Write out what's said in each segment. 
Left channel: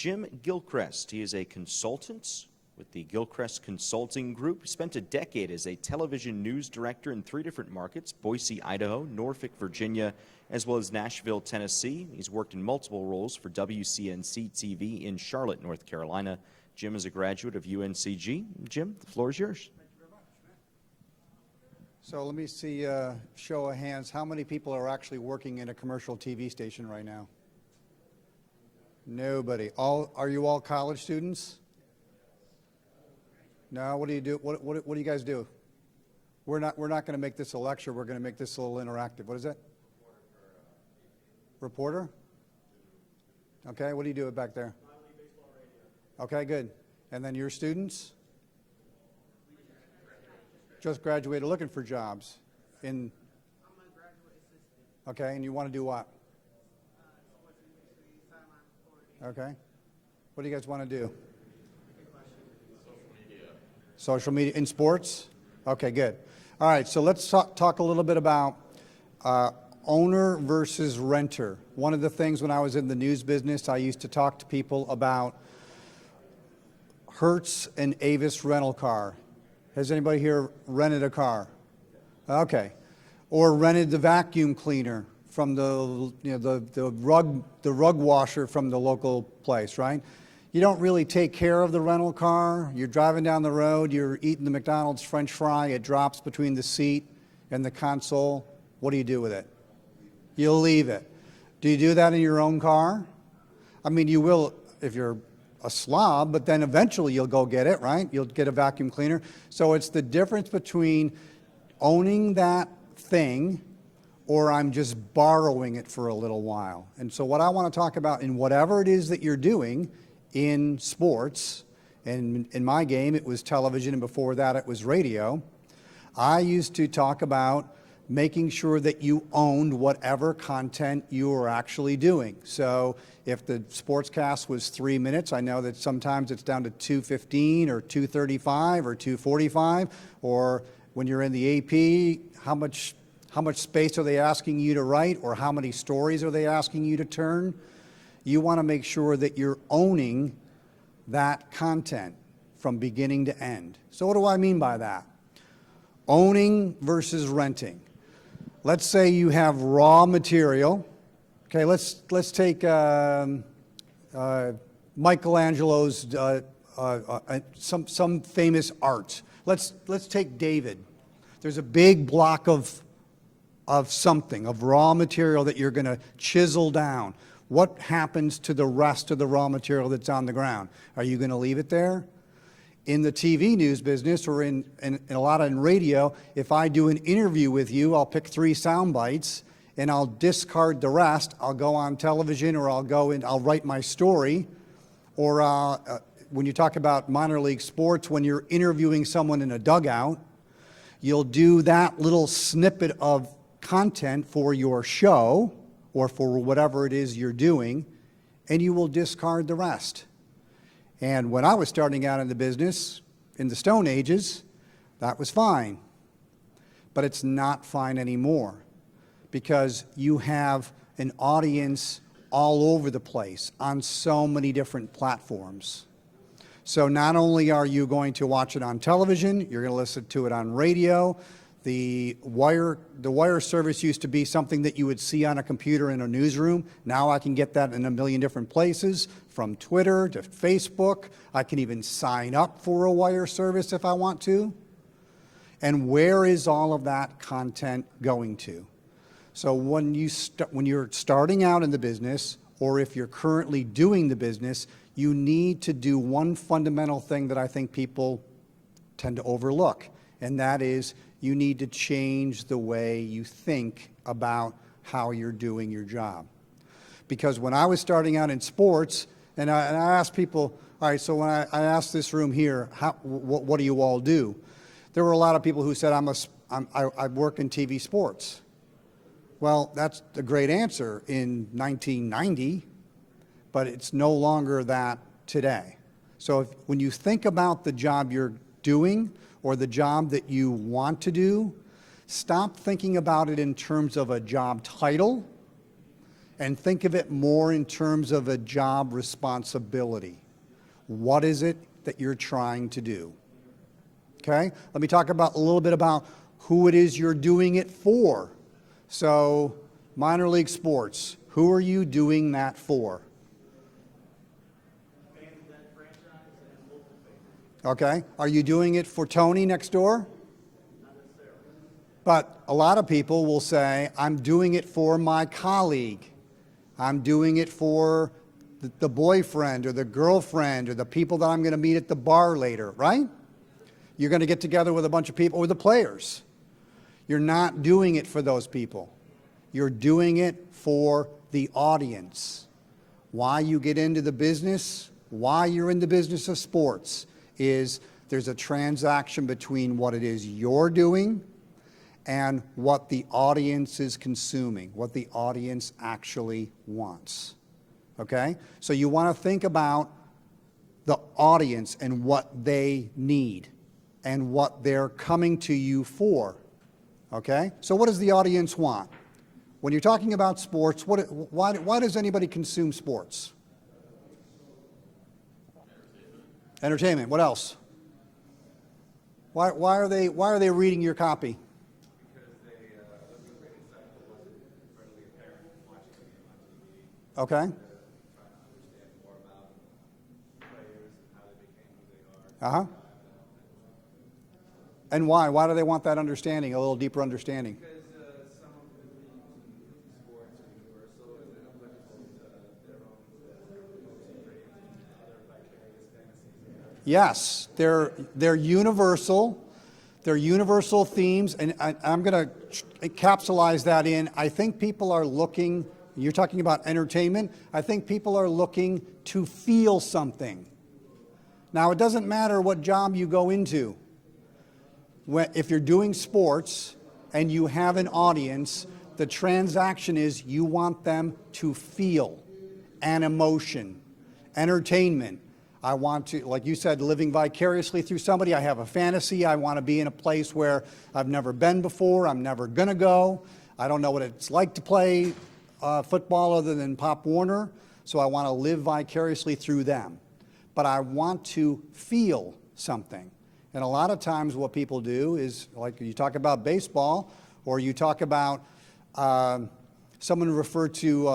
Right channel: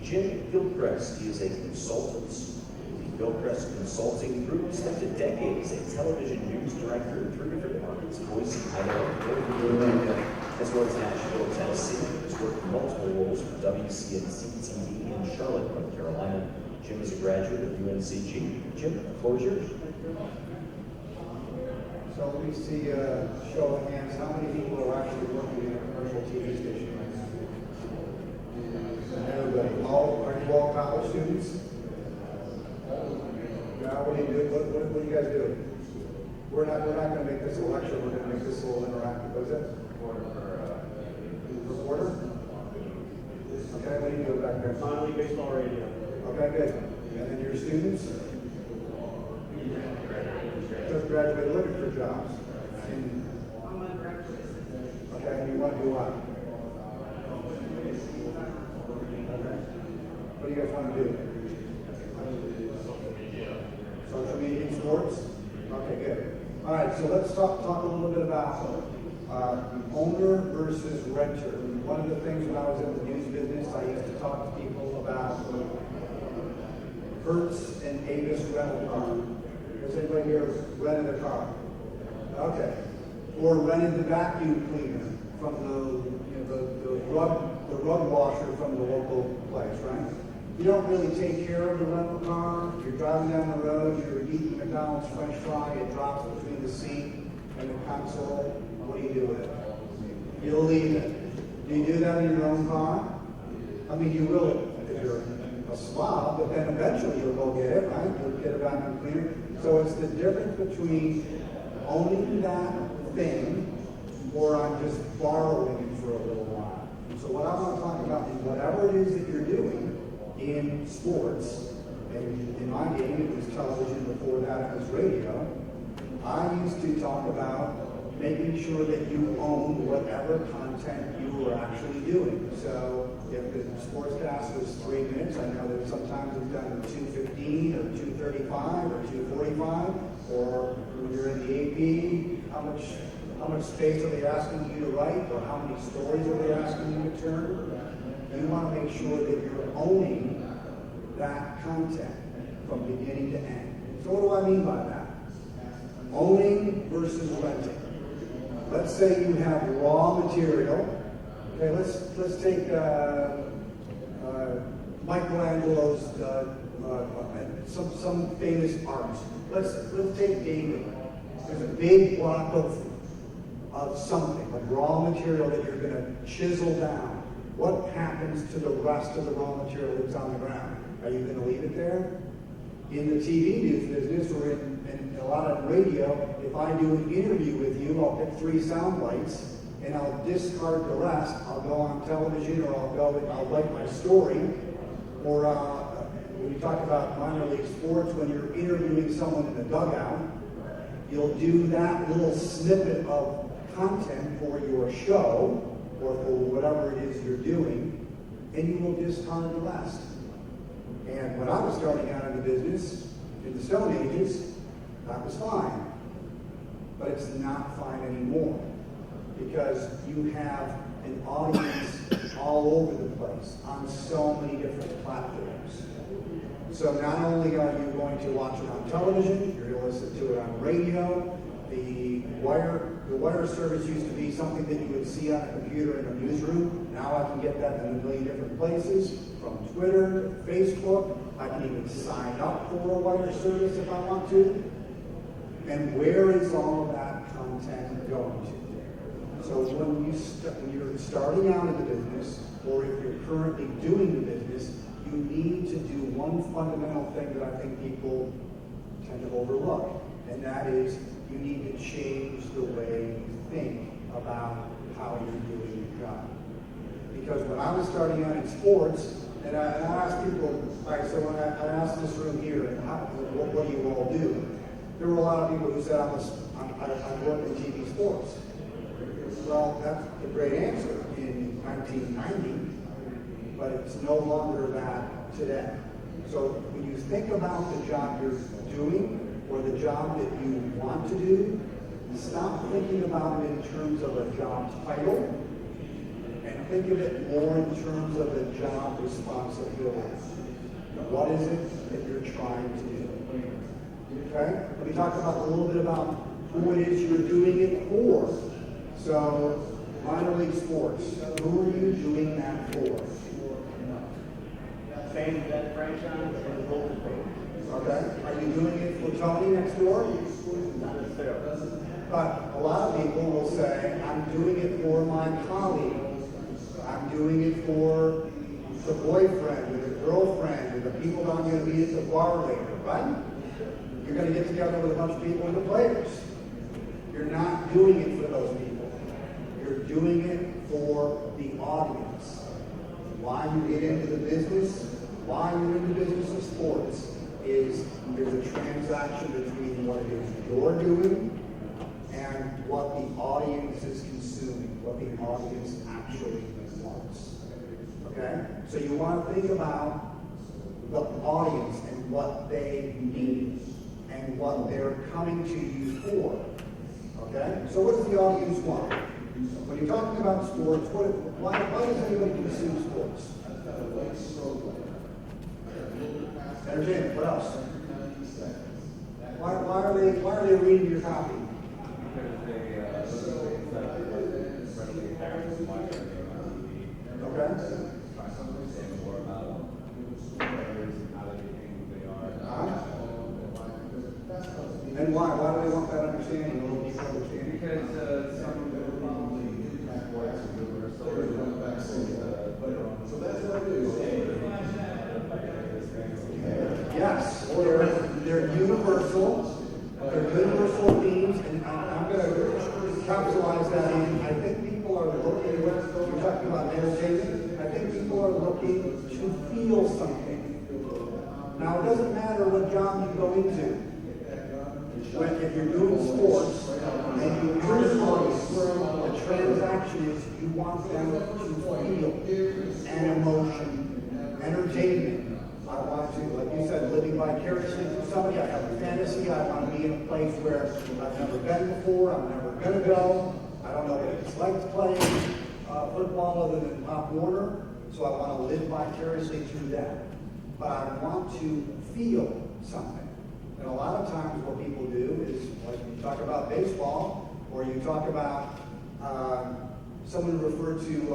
Jim Gilchriest. He is a consultant. The Gilchriest Consulting Group spent a decade as a television news director in 3 different markets: Boise, Idaho, Norfolk, Virginia, as well as Nashville, Tennessee. He's worked in multiple roles for WCNC TV in Charlotte, North Carolina. Jim is a graduate of UNCG. Jim, the floor is yours. So let me see a show of hands. How many people are actually working in a commercial TV station right now? Nobody. Are you all college students? No. What do you do? What are you guys doing? We're not going to make this a lecture. We're going to make this a little interactive. What is it? Reporter. Okay. What are you doing back there? Minor league baseball radio. Okay. Good. And then your students? Just graduated, looking for jobs. And okay, and you want to do what? Okay. What do you guys want to do? Social media in sports? Okay, good. All right, so let's talk a little bit about owner versus renter. One of the things when I was in the news business, I used to talk to people about Hertz and Avis rental car. Has anybody here rented a car? Okay. Or rented the vacuum cleaner from the rug washer from the local place, right? You don't really take care of the rental car. You're driving down the road, you're eating the McDonald's French fry, it drops between the seat and the console. What do you do with it? You'll leave it. Do you do that in your own car? I mean, you will if you're a slob, but then eventually you'll go get it, right? You'll get a vacuum cleaner. So it's the difference between owning that thing or I'm just borrowing it for a little while. And so what I want to talk about in whatever it is that you're doing in sports, and in my game it was television, and before that it was radio, I used to talk about making sure that you owned whatever content you were actually doing. So if the sportscast was 3 minutes, I know that sometimes it's down to 2:15 or 2:35 or 2:45, or when you're in the AP, how much space are they asking you to write, or how many stories are they asking you to turn? You want to make sure that you're owning that content from beginning to end. So what do I mean by that? Owning versus renting. Let's say you have raw material. Okay, let's take Michelangelo's some famous art. Let's take David. There's a big block of something, of raw material that you're going to chisel down. What happens to the rest of the raw material that's on the ground? Are you going to leave it there? In the TV news business, or in a lot of radio, if I do an interview with you, I'll pick 3 sound bites and I'll discard the rest. I'll go on television, or I'll write my story. Or when you talk about minor league sports, when you're interviewing someone in a dugout, you'll do that little snippet of content for your show or for whatever it is you're doing, and you will discard the rest. And when I was starting out in the business, in the Stone Ages, that was fine. But it's not fine anymore, because you have an audience all over the place on so many different platforms. So not only are you going to watch it on television, you're going to listen to it on radio. The wire service used to be something that you would see on a computer in a newsroom. Now I can get that in a million different places, from Twitter to Facebook. I can even sign up for a wire service if I want to. And where is all of that content going to? So when you're starting out in the business, or if you're currently doing the business, you need to do one fundamental thing that I think people tend to overlook, and that is you need to change the way you think about how you're doing your job. Because when I was starting out in sports, and I asked people, all right, so when I asked this room here, what do you all do? There were a lot of people who said, I work in TV sports. Well, that's a great answer in 1990, but it's no longer that today. So when you think about the job you're doing, or the job that you want to do, stop thinking about it in terms of a job title and think of it more in terms of a job responsibility. What is it that you're trying to do? Okay? Let me talk about a little bit about who it is you're doing it for. So, minor league sports, who are you doing that for? Okay. Are you doing it for Tony next door? But a lot of people will say, I'm doing it for my colleague. I'm doing it for the boyfriend or the girlfriend or the people that I'm going to meet at the bar later, right? You're going to get together with a bunch of people or the players. You're not doing it for those people. You're doing it for the audience. Why you get into the business, why you're in the business of sports, is there's a transaction between what it is you're doing and what the audience is consuming, what the audience actually wants. Okay? So you want to think about the audience and what they need and what they're coming to you for. Okay? So what does the audience want? When you're talking about sports, why does anybody consume sports? Entertainment. What else? Why are they reading your copy? Okay. Uh-huh. And why? Why do they want that understanding, a little deeper understanding? Yes, they're universal. They're universal themes, and I'm going to capsulize that in. I think people are looking, you're talking about entertainment, I think people are looking to feel something. Now, it doesn't matter what job you go into. If you're doing sports and you have an audience, the transaction is you want them to feel an emotion. Entertainment. I want to, like you said, living vicariously through somebody. I have a fantasy. I want to be in a place where I've never been before. I'm never going to go. I don't know what it's like to play football other than Pop Warner. So I want to live vicariously through them. But I want to feel something. And a lot of times what people do is, like when you talk about baseball, or you talk about someone referred to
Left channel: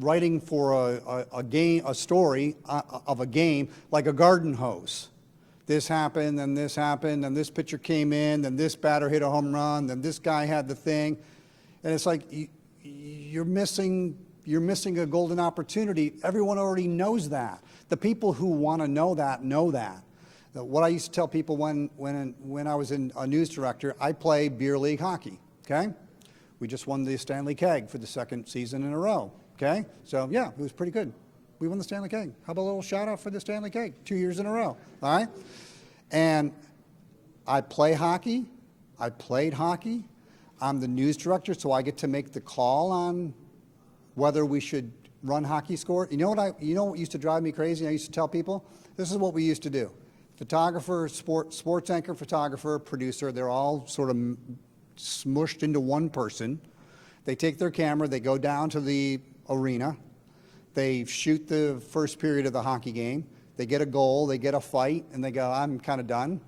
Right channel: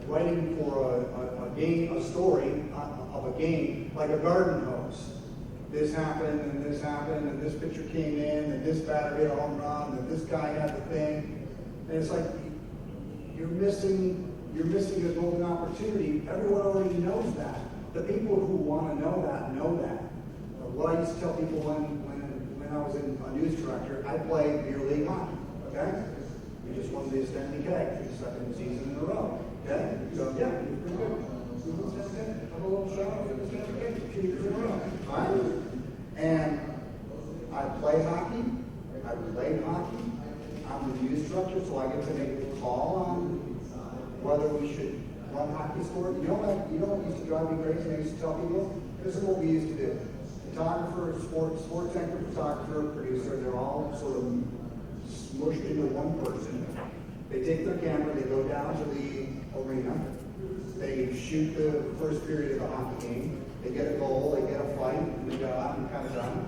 writing for a story of a game, like a garden hose. This happened, and this happened, and this pitcher came in, and this batter hit a home run, and this guy had the thing. And it's like you're missing a golden opportunity. Everyone already knows that. The people who want to know that know that. What I used to tell people when I was a news director, I played beer league hockey, okay? We just won the Stanley Keg for the second season in a row, okay? So yeah, it was pretty good. We won the Stanley Keg. How about a little shout out for the Stanley Keg? 2 years in a row, all right? And I play hockey. I played hockey. I'm the news director, so I get to make the call on whether we should run hockey score. You know what used to drive me crazy? I used to tell people, this is what we used to do. Photographer, sports anchor, photographer, producer, they're all sort of smushed into one person. They take their camera, they go down to the arena, they shoot the first period of the hockey game, they get a goal, they get a fight, and they go, I'm kind of done.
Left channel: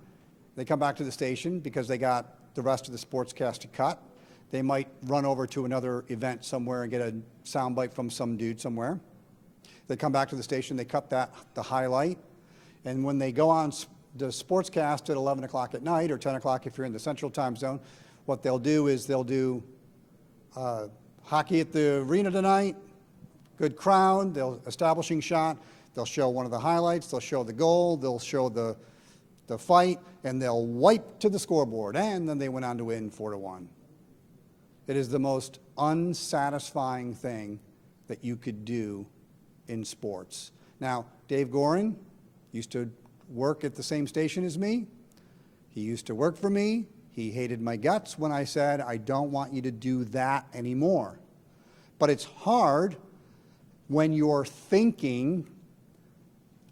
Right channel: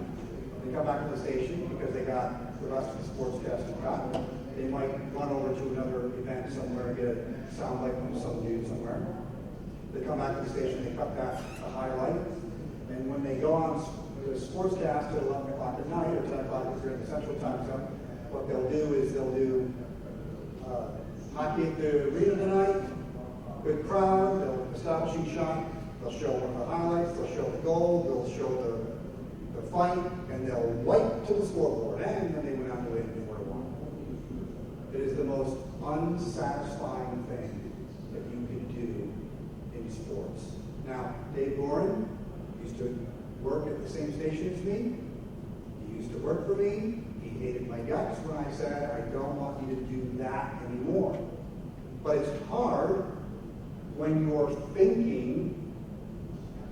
They come back to the station because they got the rest of the sportscast to cut. They might run over to another event somewhere and get a soundbite from some dude somewhere. They come back to the station, they cut the highlight, and when they go on the sportscast at 11 o'clock at night, or 10 o'clock if you're in the central time zone, what they'll do is they'll do hockey at the arena tonight, good crowd, they'll establishing shot, they'll show one of the highlights, they'll show the goal, they'll show the fight, and they'll wipe to the scoreboard, and then they went on to win 4-1. It is the most unsatisfying thing that you could do in sports. Now, Dave Gorin used to work at the same station as me. He used to work for me. He hated my guts when I said, I don't want you to do that anymore. But it's hard when you're thinking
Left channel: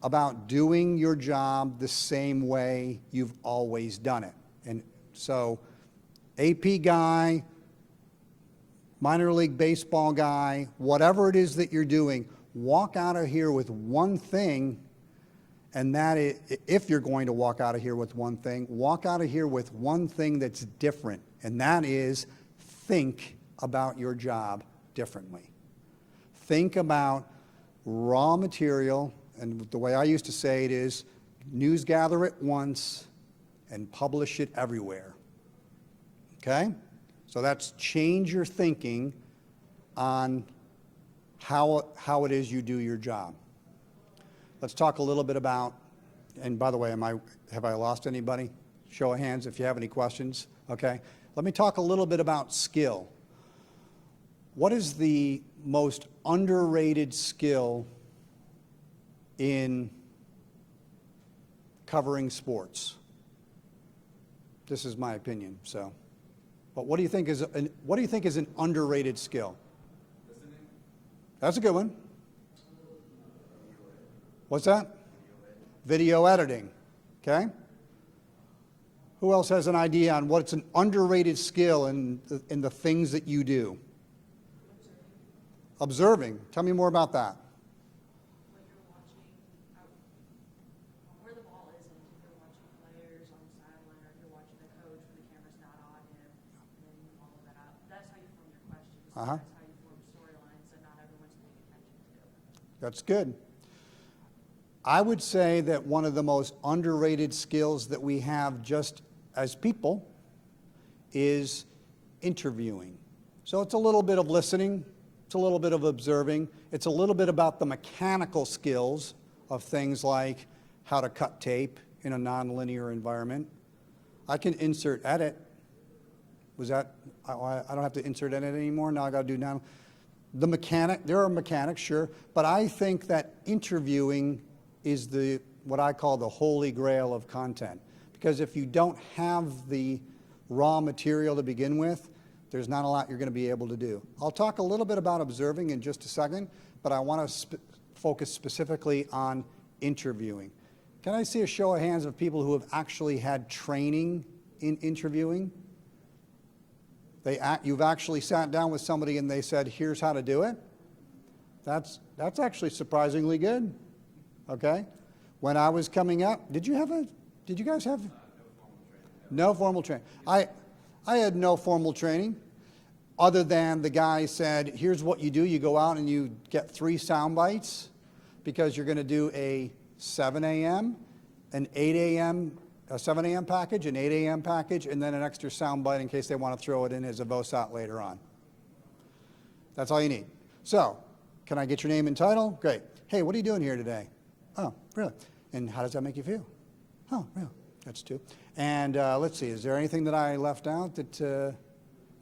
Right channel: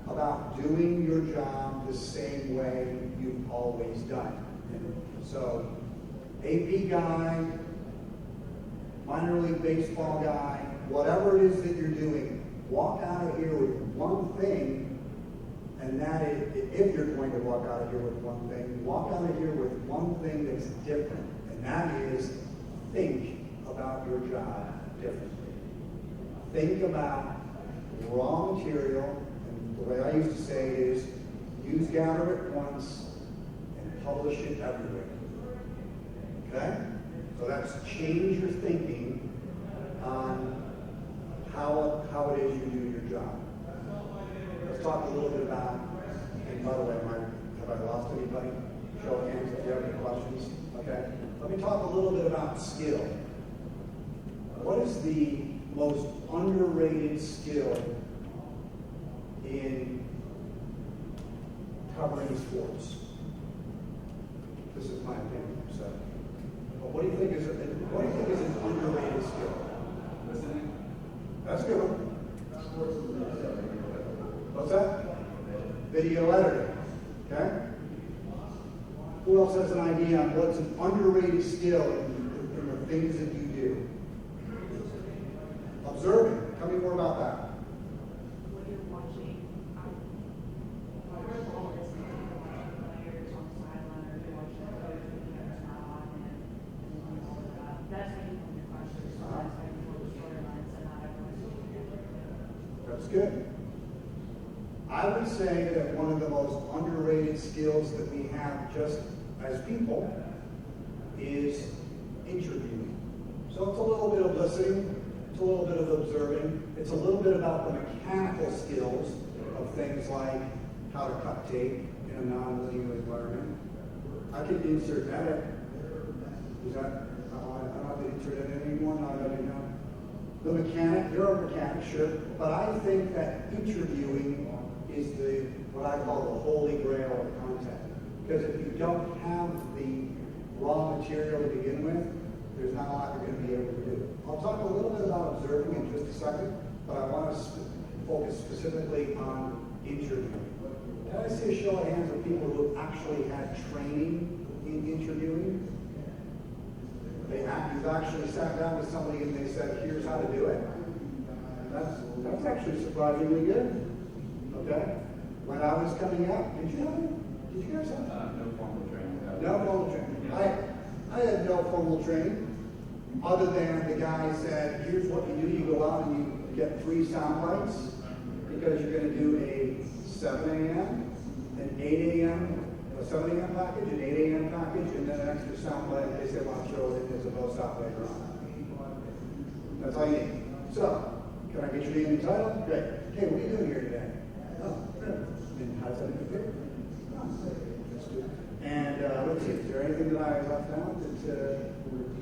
about doing your job the same way you've always done it. And so, AP guy, minor league baseball guy, whatever it is that you're doing, walk out of here with one thing, and that is, if you're going to walk out of here with one thing, walk out of here with one thing that's different, and that is think about your job differently. Think about raw material, and the way I used to say it is, news gather it once and publish it everywhere. Okay? So that's change your thinking on how it is you do your job. Let's talk a little bit about, and by the way, have I lost anybody? Show of hands if you have any questions. Okay. Let me talk a little bit about skill. What is the most underrated skill in covering sports? This is my opinion. So, but what do you think is an underrated skill? That's a good one. What's that? Video editing. Okay. Who else has an idea on what's an underrated skill in the things that you do? Observing. Tell me more about that. That's good. I would say that one of the most underrated skills that we have just as people is interviewing. So it's a little bit of listening, it's a little bit of observing, it's a little bit about the mechanical skills of things like how to cut tape in a non-linear environment. I can insert edit. Was that, I don't have to insert edit anymore, now I gotta do now. The mechanic, there are mechanics, sure, but I think that interviewing is what I call the holy grail of content. Because if you don't have the raw material to begin with, there's not a lot you're going to be able to do. I'll talk a little bit about observing in just a second, but I want to focus specifically on interviewing. Can I see a show of hands of people who have actually had training in interviewing? You've actually sat down with somebody and they said, here's how to do it? That's actually surprisingly good. Okay? When I was coming up, did you guys have? No formal training. No formal training. I had no formal training other than the guy said, here's what you do. You go out and you get 3 sound bites because you're going to do a 7 a.m., an 8 a.m., a 7 a.m. package, an 8 a.m. package, and then an extra sound bite in case they want to throw it in as a bow shot later on. That's all you need. So, can I get your name and title? Great. Hey, what are you doing here today? Oh, really? And how does that make you feel? Oh, yeah, that's two. And let's see, is there anything that I left out that,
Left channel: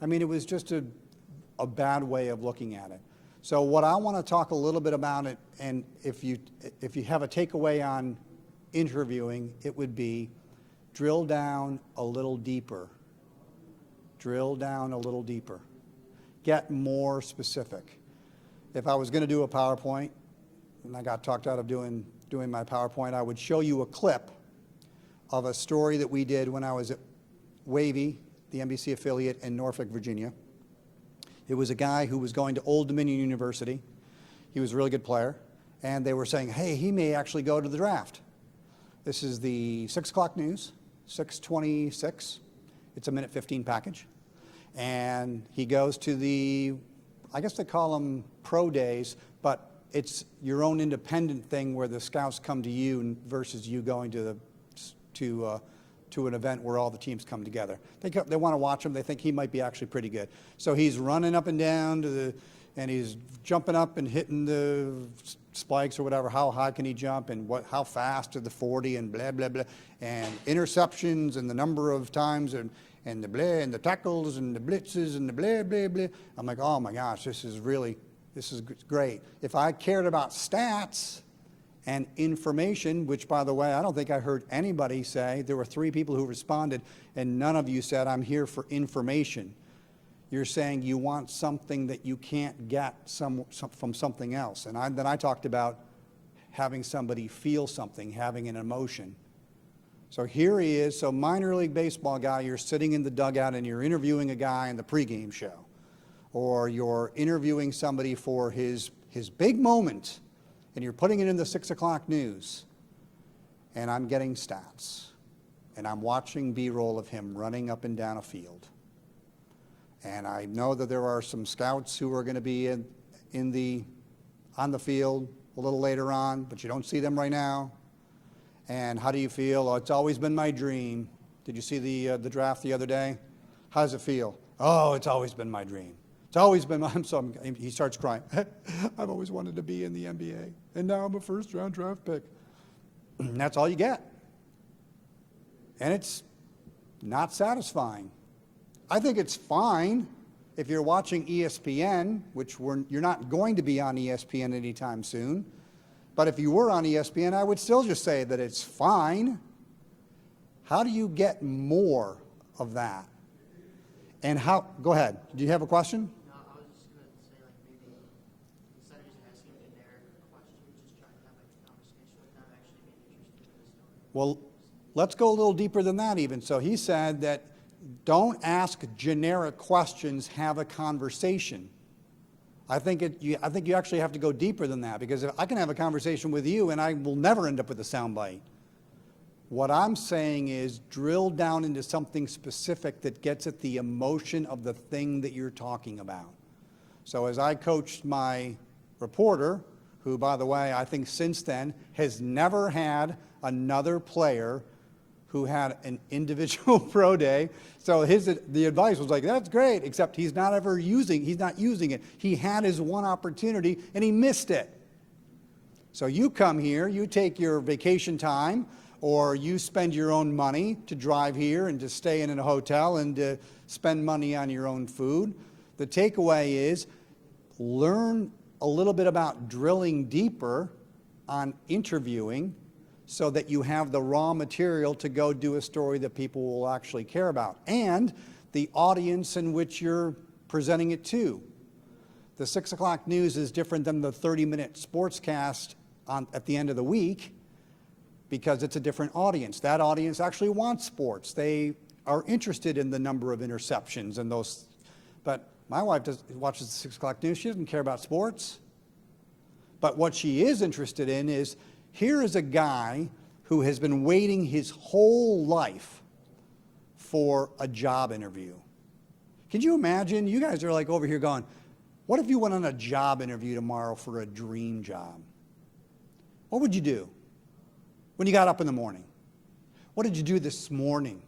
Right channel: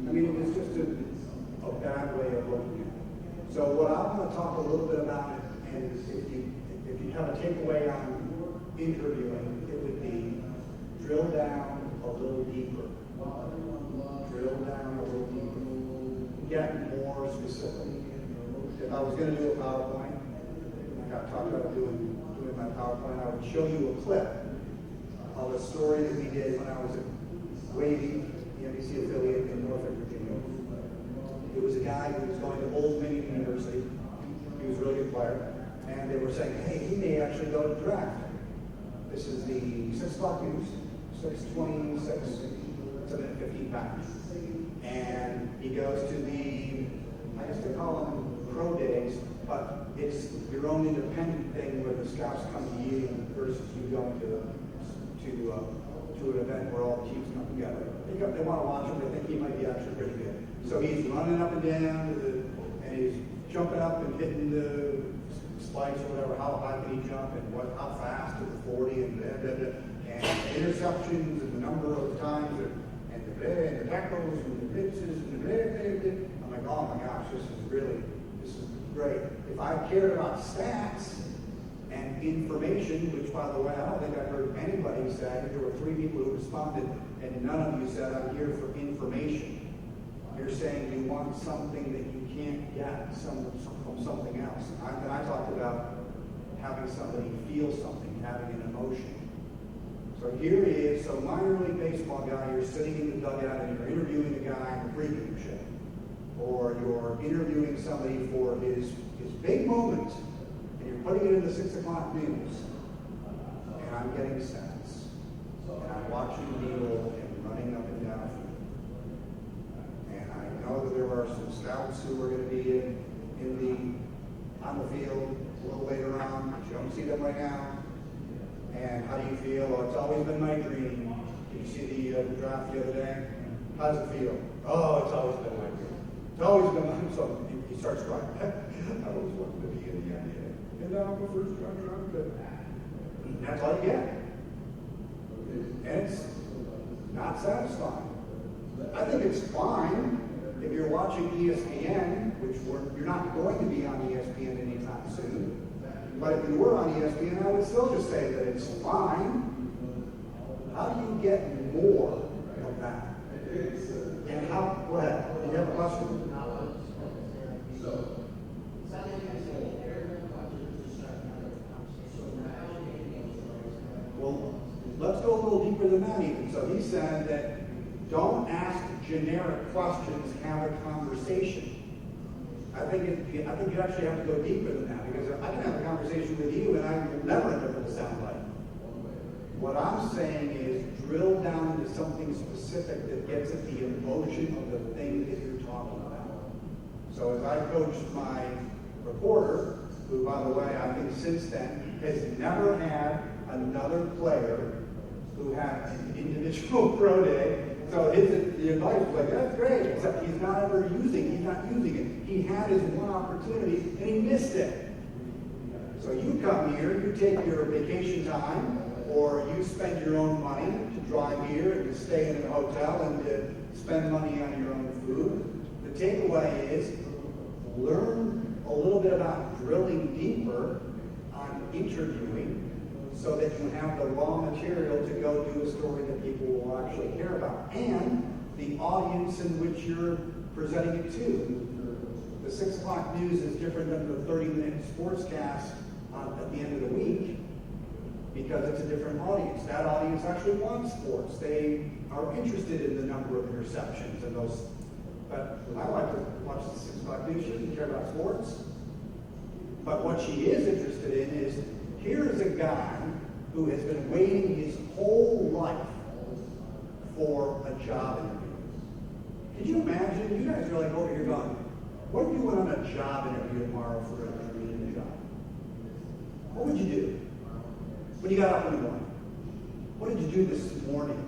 I mean, it was just a bad way of looking at it. So what I want to talk a little bit about it, and if you have a takeaway on interviewing, it would be drill down a little deeper. Drill down a little deeper. Get more specific. If I was going to do a PowerPoint, and I got talked out of doing my PowerPoint, I would show you a clip of a story that we did when I was at Wavy, the NBC affiliate in Norfolk, Virginia. It was a guy who was going to Old Dominion University. He was a really good player, and they were saying, hey, he may actually go to the draft. This is the 6 o'clock news, 6:26. It's a minute 15 package. And he goes to the, I guess they call them pro days, but it's your own independent thing where the scouts come to you versus you going to an event where all the teams come together. They want to watch him. They think he might be actually pretty good. So he's running up and down and he's jumping up and hitting the spikes or whatever. How high can he jump and how fast to the 40 and blah blah blah, and interceptions and the number of times and the blah and the tackles and the blitzes and the blah blah blah. I'm like, oh my gosh, this is great. If I cared about stats and information, which by the way, I don't think I heard anybody say, there were 3 people who responded and none of you said, I'm here for information. You're saying you want something that you can't get from something else. And then I talked about having somebody feel something, having an emotion. So here he is, so minor league baseball guy, you're sitting in the dugout and you're interviewing a guy in the pregame show. or you're interviewing somebody for his big moment, and you're putting it in the 6 o'clock news, and I'm getting stats, and I'm watching B-roll of him running up and down a field. And I know that there are some scouts who are going to be on the field a little later on, but you don't see them right now. And how do you feel? Oh, it's always been my dream. Did you see the draft the other day? How does it feel? Oh, it's always been my dream. It's always been my, so he starts crying. I've always wanted to be in the NBA. And now I'm a first round draft pick. And that's all you get. And it's not satisfying. I think it's fine if you're watching ESPN, which you're not going to be on ESPN anytime soon. But if you were on ESPN, I would still just say that it's fine. How do you get more of that? And how, go ahead, do you have a question? Well, let's go a little deeper than that even. So he said that don't ask generic questions, have a conversation. I think you actually have to go deeper than that, because I can have a conversation with you and I will never end up with a soundbite. What I'm saying is drill down into something specific that gets at the emotion of the thing that you're talking about. So as I coached my reporter, who, by the way, I think since then has never had another player who had an individual pro day. So the advice was like, that's great, except he's not using it. He had his one opportunity and he missed it. So you come here, you take your vacation time, or you spend your own money to drive here and to stay in a hotel and to spend money on your own food. The takeaway is learn a little bit about drilling deeper on interviewing, so that you have the raw material to go do a story that people will actually care about, and the audience in which you're presenting it to. The 6 o'clock news is different than the 30-minute sportscast at the end of the week, because it's a different audience. That audience actually wants sports. They are interested in the number of interceptions and those. But my wife doesn't watch the 6 o'clock news. She doesn't care about sports. But what she is interested in is, here is a guy who has been waiting his whole life for a job interview. Could you imagine? You guys are like over here going, what if you went on a job interview tomorrow for a dream job? What would you do when you got up in the morning? What did you do this morning?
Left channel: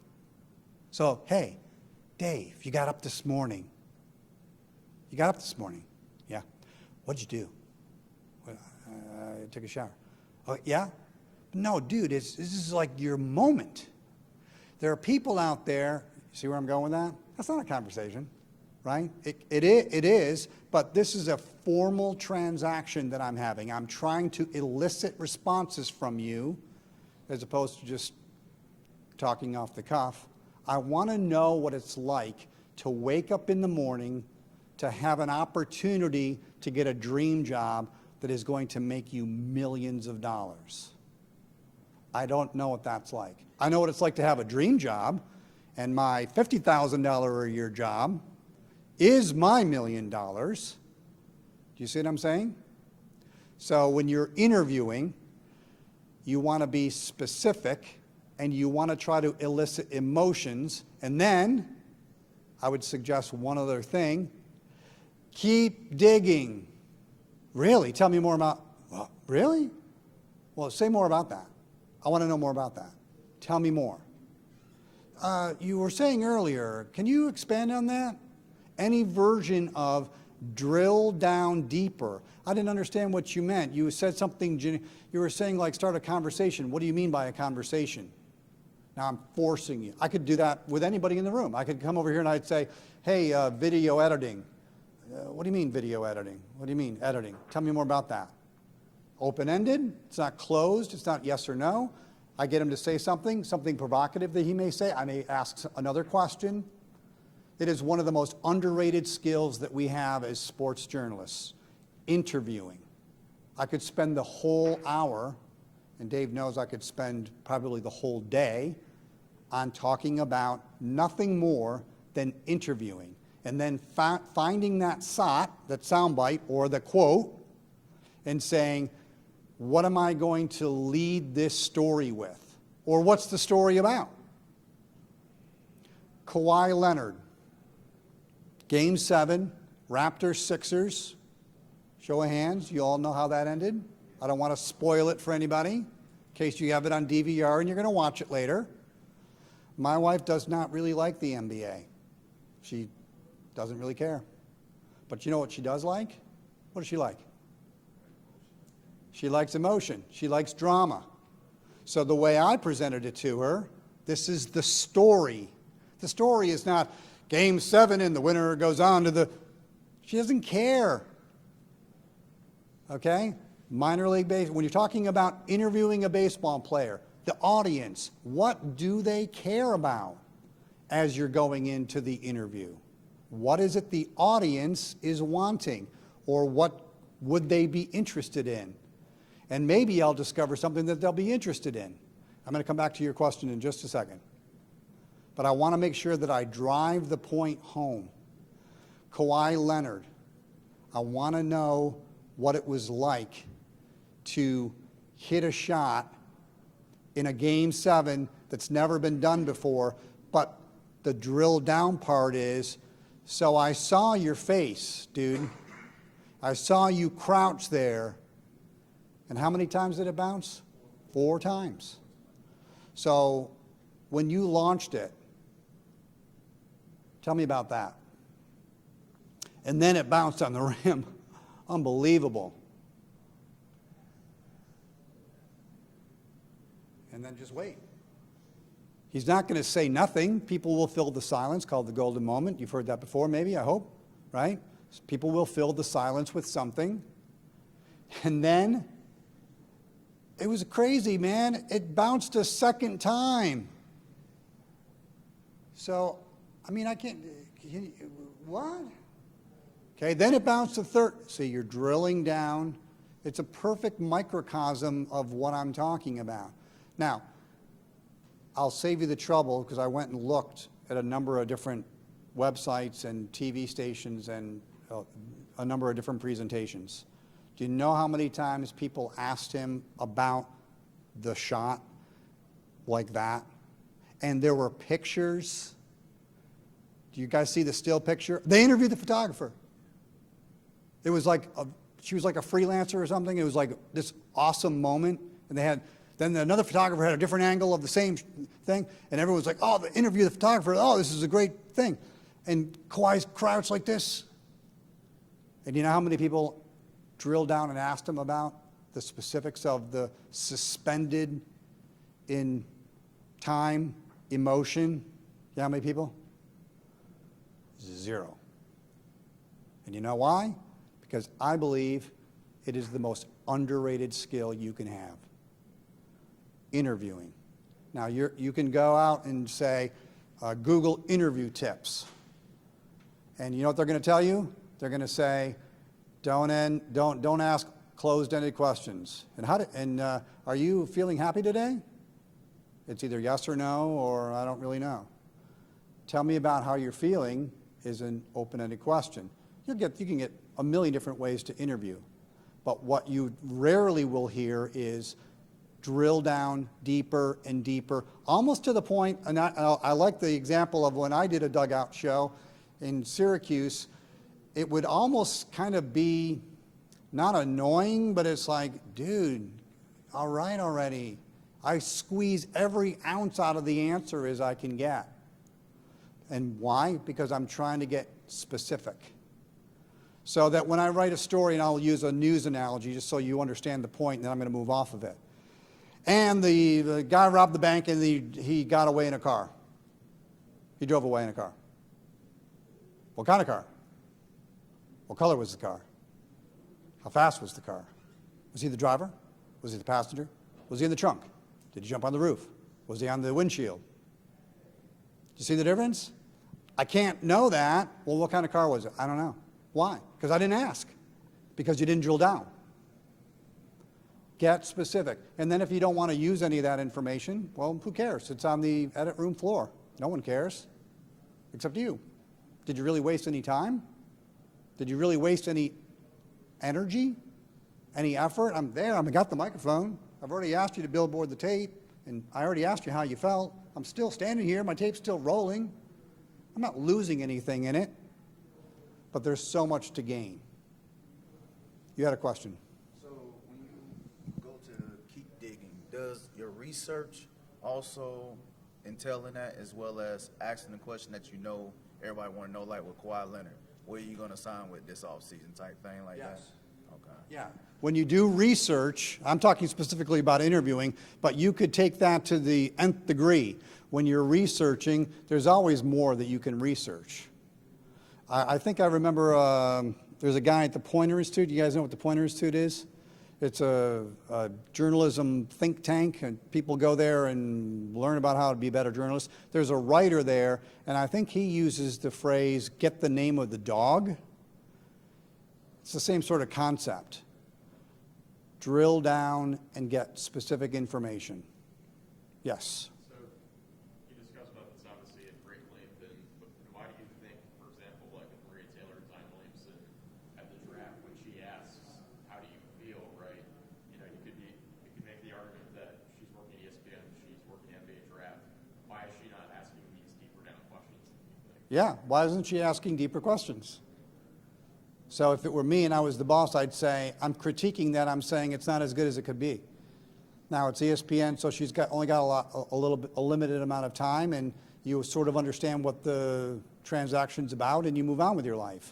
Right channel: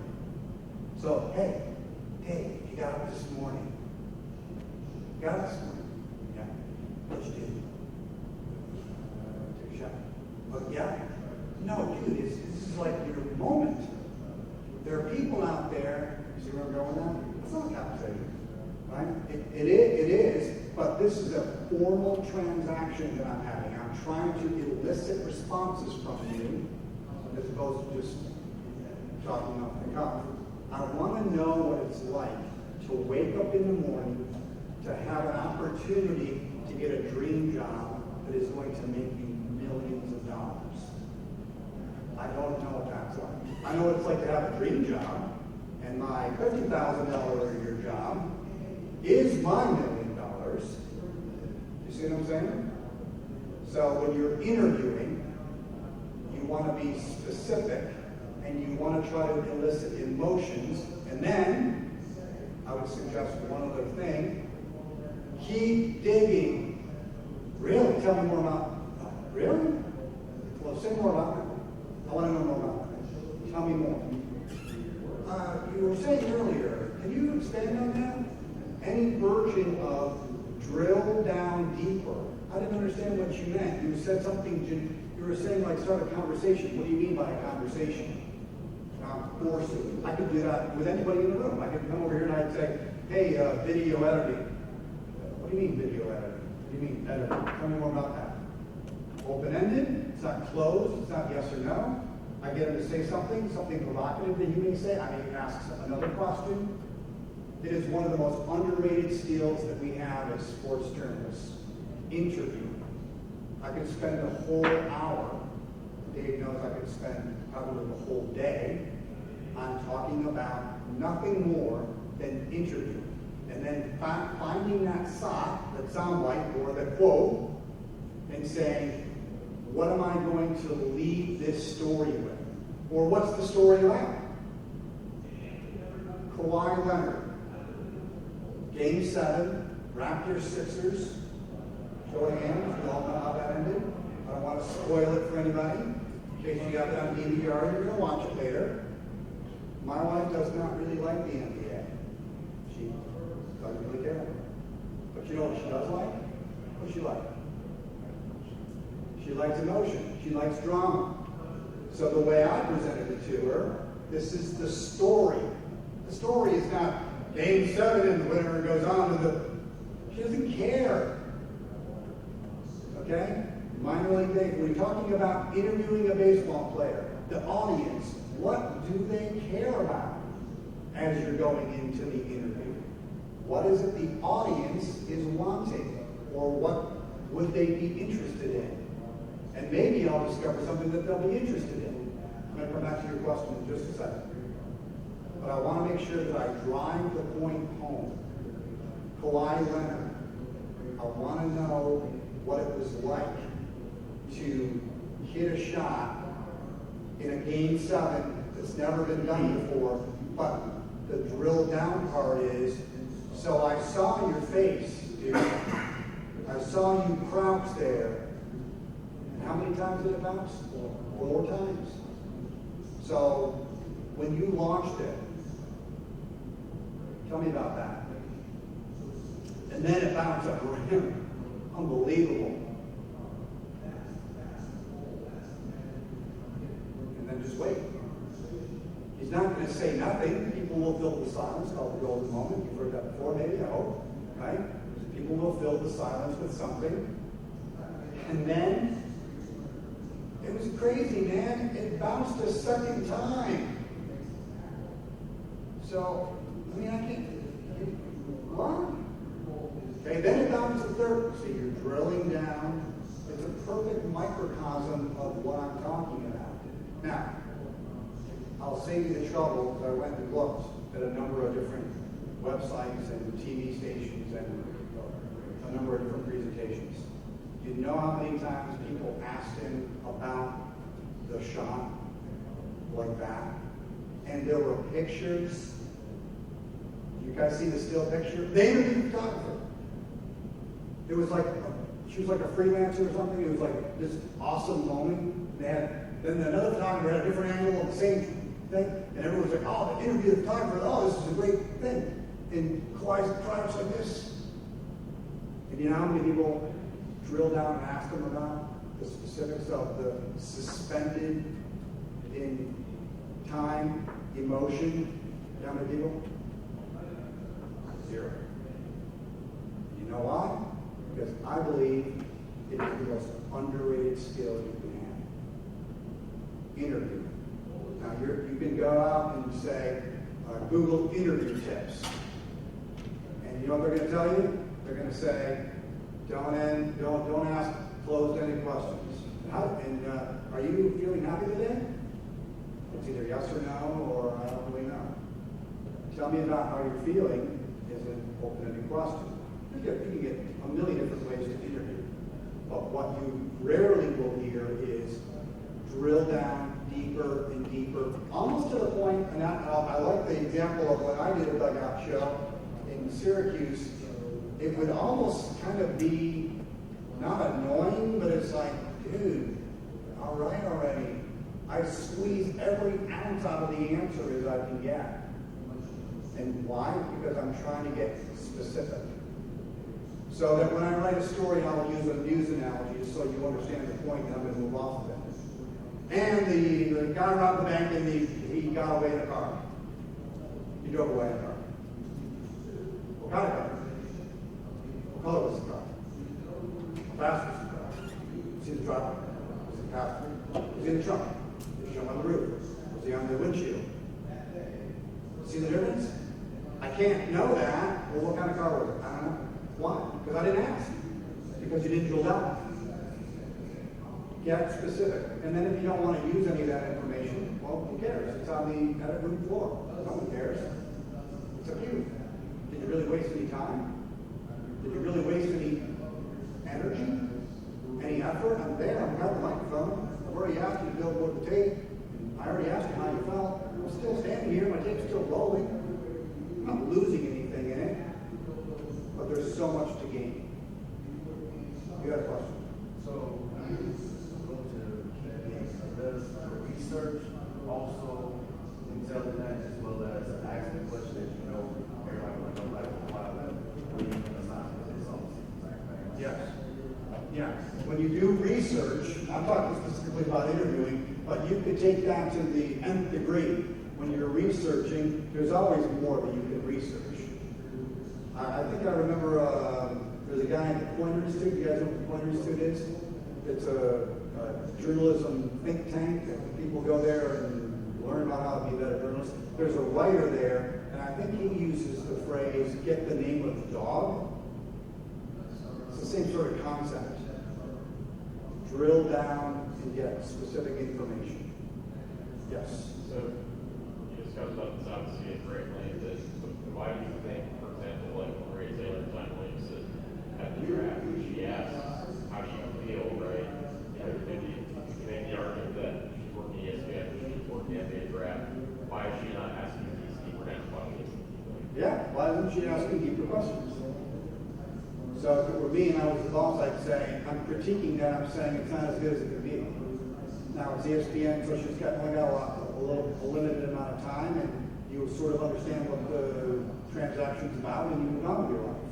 So, hey, Dave, you got up this morning. You got up this morning. Yeah. What'd you do? Took a shower. Yeah? No, dude, this is like your moment. There are people out there, see where I'm going with that? That's not a conversation, right? It is, but this is a formal transaction that I'm having. I'm trying to elicit responses from you, as opposed to just talking off the cuff. I want to know what it's like to wake up in the morning, to have an opportunity to get a dream job that is going to make you millions of dollars. I don't know what that's like. I know what it's like to have a dream job, and my $50,000 a year job is my $1 million. Do you see what I'm saying? So when you're interviewing, you want to be specific, and you want to try to elicit emotions, and then I would suggest one other thing: keep digging. Really? Tell me more about, really? Well, say more about that. I want to know more about that. Tell me more. You were saying earlier, can you expand on that? Any version of drill down deeper. I didn't understand what you meant. You said something, you were saying like start a conversation. What do you mean by a conversation? Now I'm forcing you. I could do that with anybody in the room. I could come over here and I'd say, hey, video editing. What do you mean video editing? What do you mean, editing? Tell me more about that. Open-ended, it's not closed, it's not yes or no. I get him to say something provocative that he may say. I may ask another question. It is one of the most underrated skills that we have as sports journalists, interviewing. I could spend the whole hour, and Dave knows I could spend probably the whole day on talking about nothing more than interviewing. and then finding that soundbite or the quote, and saying, what am I going to lead this story with? Or what's the story about? Kawhi Leonard, Game 7, Raptors, Sixers. Show of hands, you all know how that ended. I don't want to spoil it for anybody, in case you have it on DVR and you're going to watch it later. My wife does not really like the NBA. She doesn't really care. But you know what she does like? What does she like? She likes emotion. She likes drama. So the way I presented it to her, this is the story. The story is not Game 7 and the winner goes on to the... She doesn't care. Okay? Minor league baseball. When you're talking about interviewing a baseball player, the audience, what do they care about as you're going into the interview? What is it the audience is wanting? Or what would they be interested in? And maybe I'll discover something that they'll be interested in. I'm going to come back to your question in just a second. But I want to make sure that I drive the point home. Kawhi Leonard, I want to know what it was like to hit a shot in a Game 7 that's never been done before, but the drill down part is, so I saw your face, dude. I saw you crouch there. And how many times did it bounce? 4 times. So when you launched it, tell me about that. And then it bounced on the rim. Unbelievable. And then just wait. He's not going to say nothing. People will fill the silence, called the golden moment. You've heard that before, maybe, I hope, right? So people will fill the silence with something. And then, it was crazy, man. It bounced a second time. So, I mean, I can't, what? Okay, then it bounced a third. See, you're drilling down. It's a perfect microcosm of what I'm talking about. Now, I'll save you the trouble because I went and looked at a number of different websites and TV stations and a number of different presentations. Do you know how many times people asked him about the shot like that? And there were pictures. Do you guys see the still picture? They interviewed the photographer. It was like, she was like a freelancer or something. It was like this awesome moment. And they had, then another photographer had a different angle of the same thing. And everyone was like, oh, the interview the photographer, oh, this is a great thing. And Kawhi's crouched like this. And you know how many people drilled down and asked him about the specifics of the suspended in time, emotion? You know how many people? 0. And you know why? Because I believe it is the most underrated skill you can have. Interviewing. Now you can go out and say, Google interview tips. And you know what they're going to tell you? They're going to say, don't ask closed-ended questions. And are you feeling happy today? It's either yes or no, or I don't really know. Tell me about how you're feeling is an open-ended question. You can get a million different ways to interview. But what you rarely will hear is drill down deeper and deeper, almost to the point, and I like the example of when I did a dugout show in Syracuse. It would almost kind of be not annoying, but it's like, dude, all right already. I squeeze every ounce out of the answer as I can get. And why? Because I'm trying to get specific. So that when I write a story, and I'll use a news analogy just so you understand the point, then I'm going to move off of it. And the guy robbed the bank and he got away in a car. He drove away in a car. What kind of car? What color was the car? How fast was the car? Was he the driver? Was he the passenger? Was he in the trunk? Did he jump on the roof? Was he on the windshield? See the difference? I can't know that. Well, what kind of car was it? I don't know. Why? Because I didn't ask. Because you didn't drill down. Get specific. And then if you don't want to use any of that information, well, who cares? It's on the edit room floor. No one cares. It's up to you. Did you really waste any time? Did you really waste any energy? Any effort? I'm there, I've got the microphone. I've already asked you to billboard the tape, and I already asked you how you felt. I'm still standing here, my tape's still rolling. I'm not losing anything in it, but there's so much to gain. You had a question? So, to keep digging, does the research also entail in that, as well as asking the question that you know everybody want to know, like why Leonard, where you going to sign with this offseason type thing? Like Yes. Yeah. When you do research, I'm talking specifically about interviewing, but you could take that to the nth degree. When you're researching, there's always more that you can research. I think I remember there's a guy at the Poynter Institute. You guys know what the Poynter Institute is? It's a journalism think tank, and people go there and learn about how to be better journalists. There's a writer there, and I think he uses the phrase, get the name of the dog. It's the same sort of concept. Drill down and get specific information. Yes? So you discussed about this obviously in great length. Why do you think, for example, like Ray Taylor, John Williams said at the draft, when she asked, how do you feel, right? You know, maybe you can make the argument that she's working ESPN, she's working at the draft. Why is she not asking these deeper questions? Yeah, why isn't she asking deeper questions? So if it were me and I was the boss, I'd say, I'm critiquing that, I'm saying it's not as good as it could be. Now it's ESPN, so she's only got a limited amount of time, and you sort of understand what the transaction's about, and you move on with your life.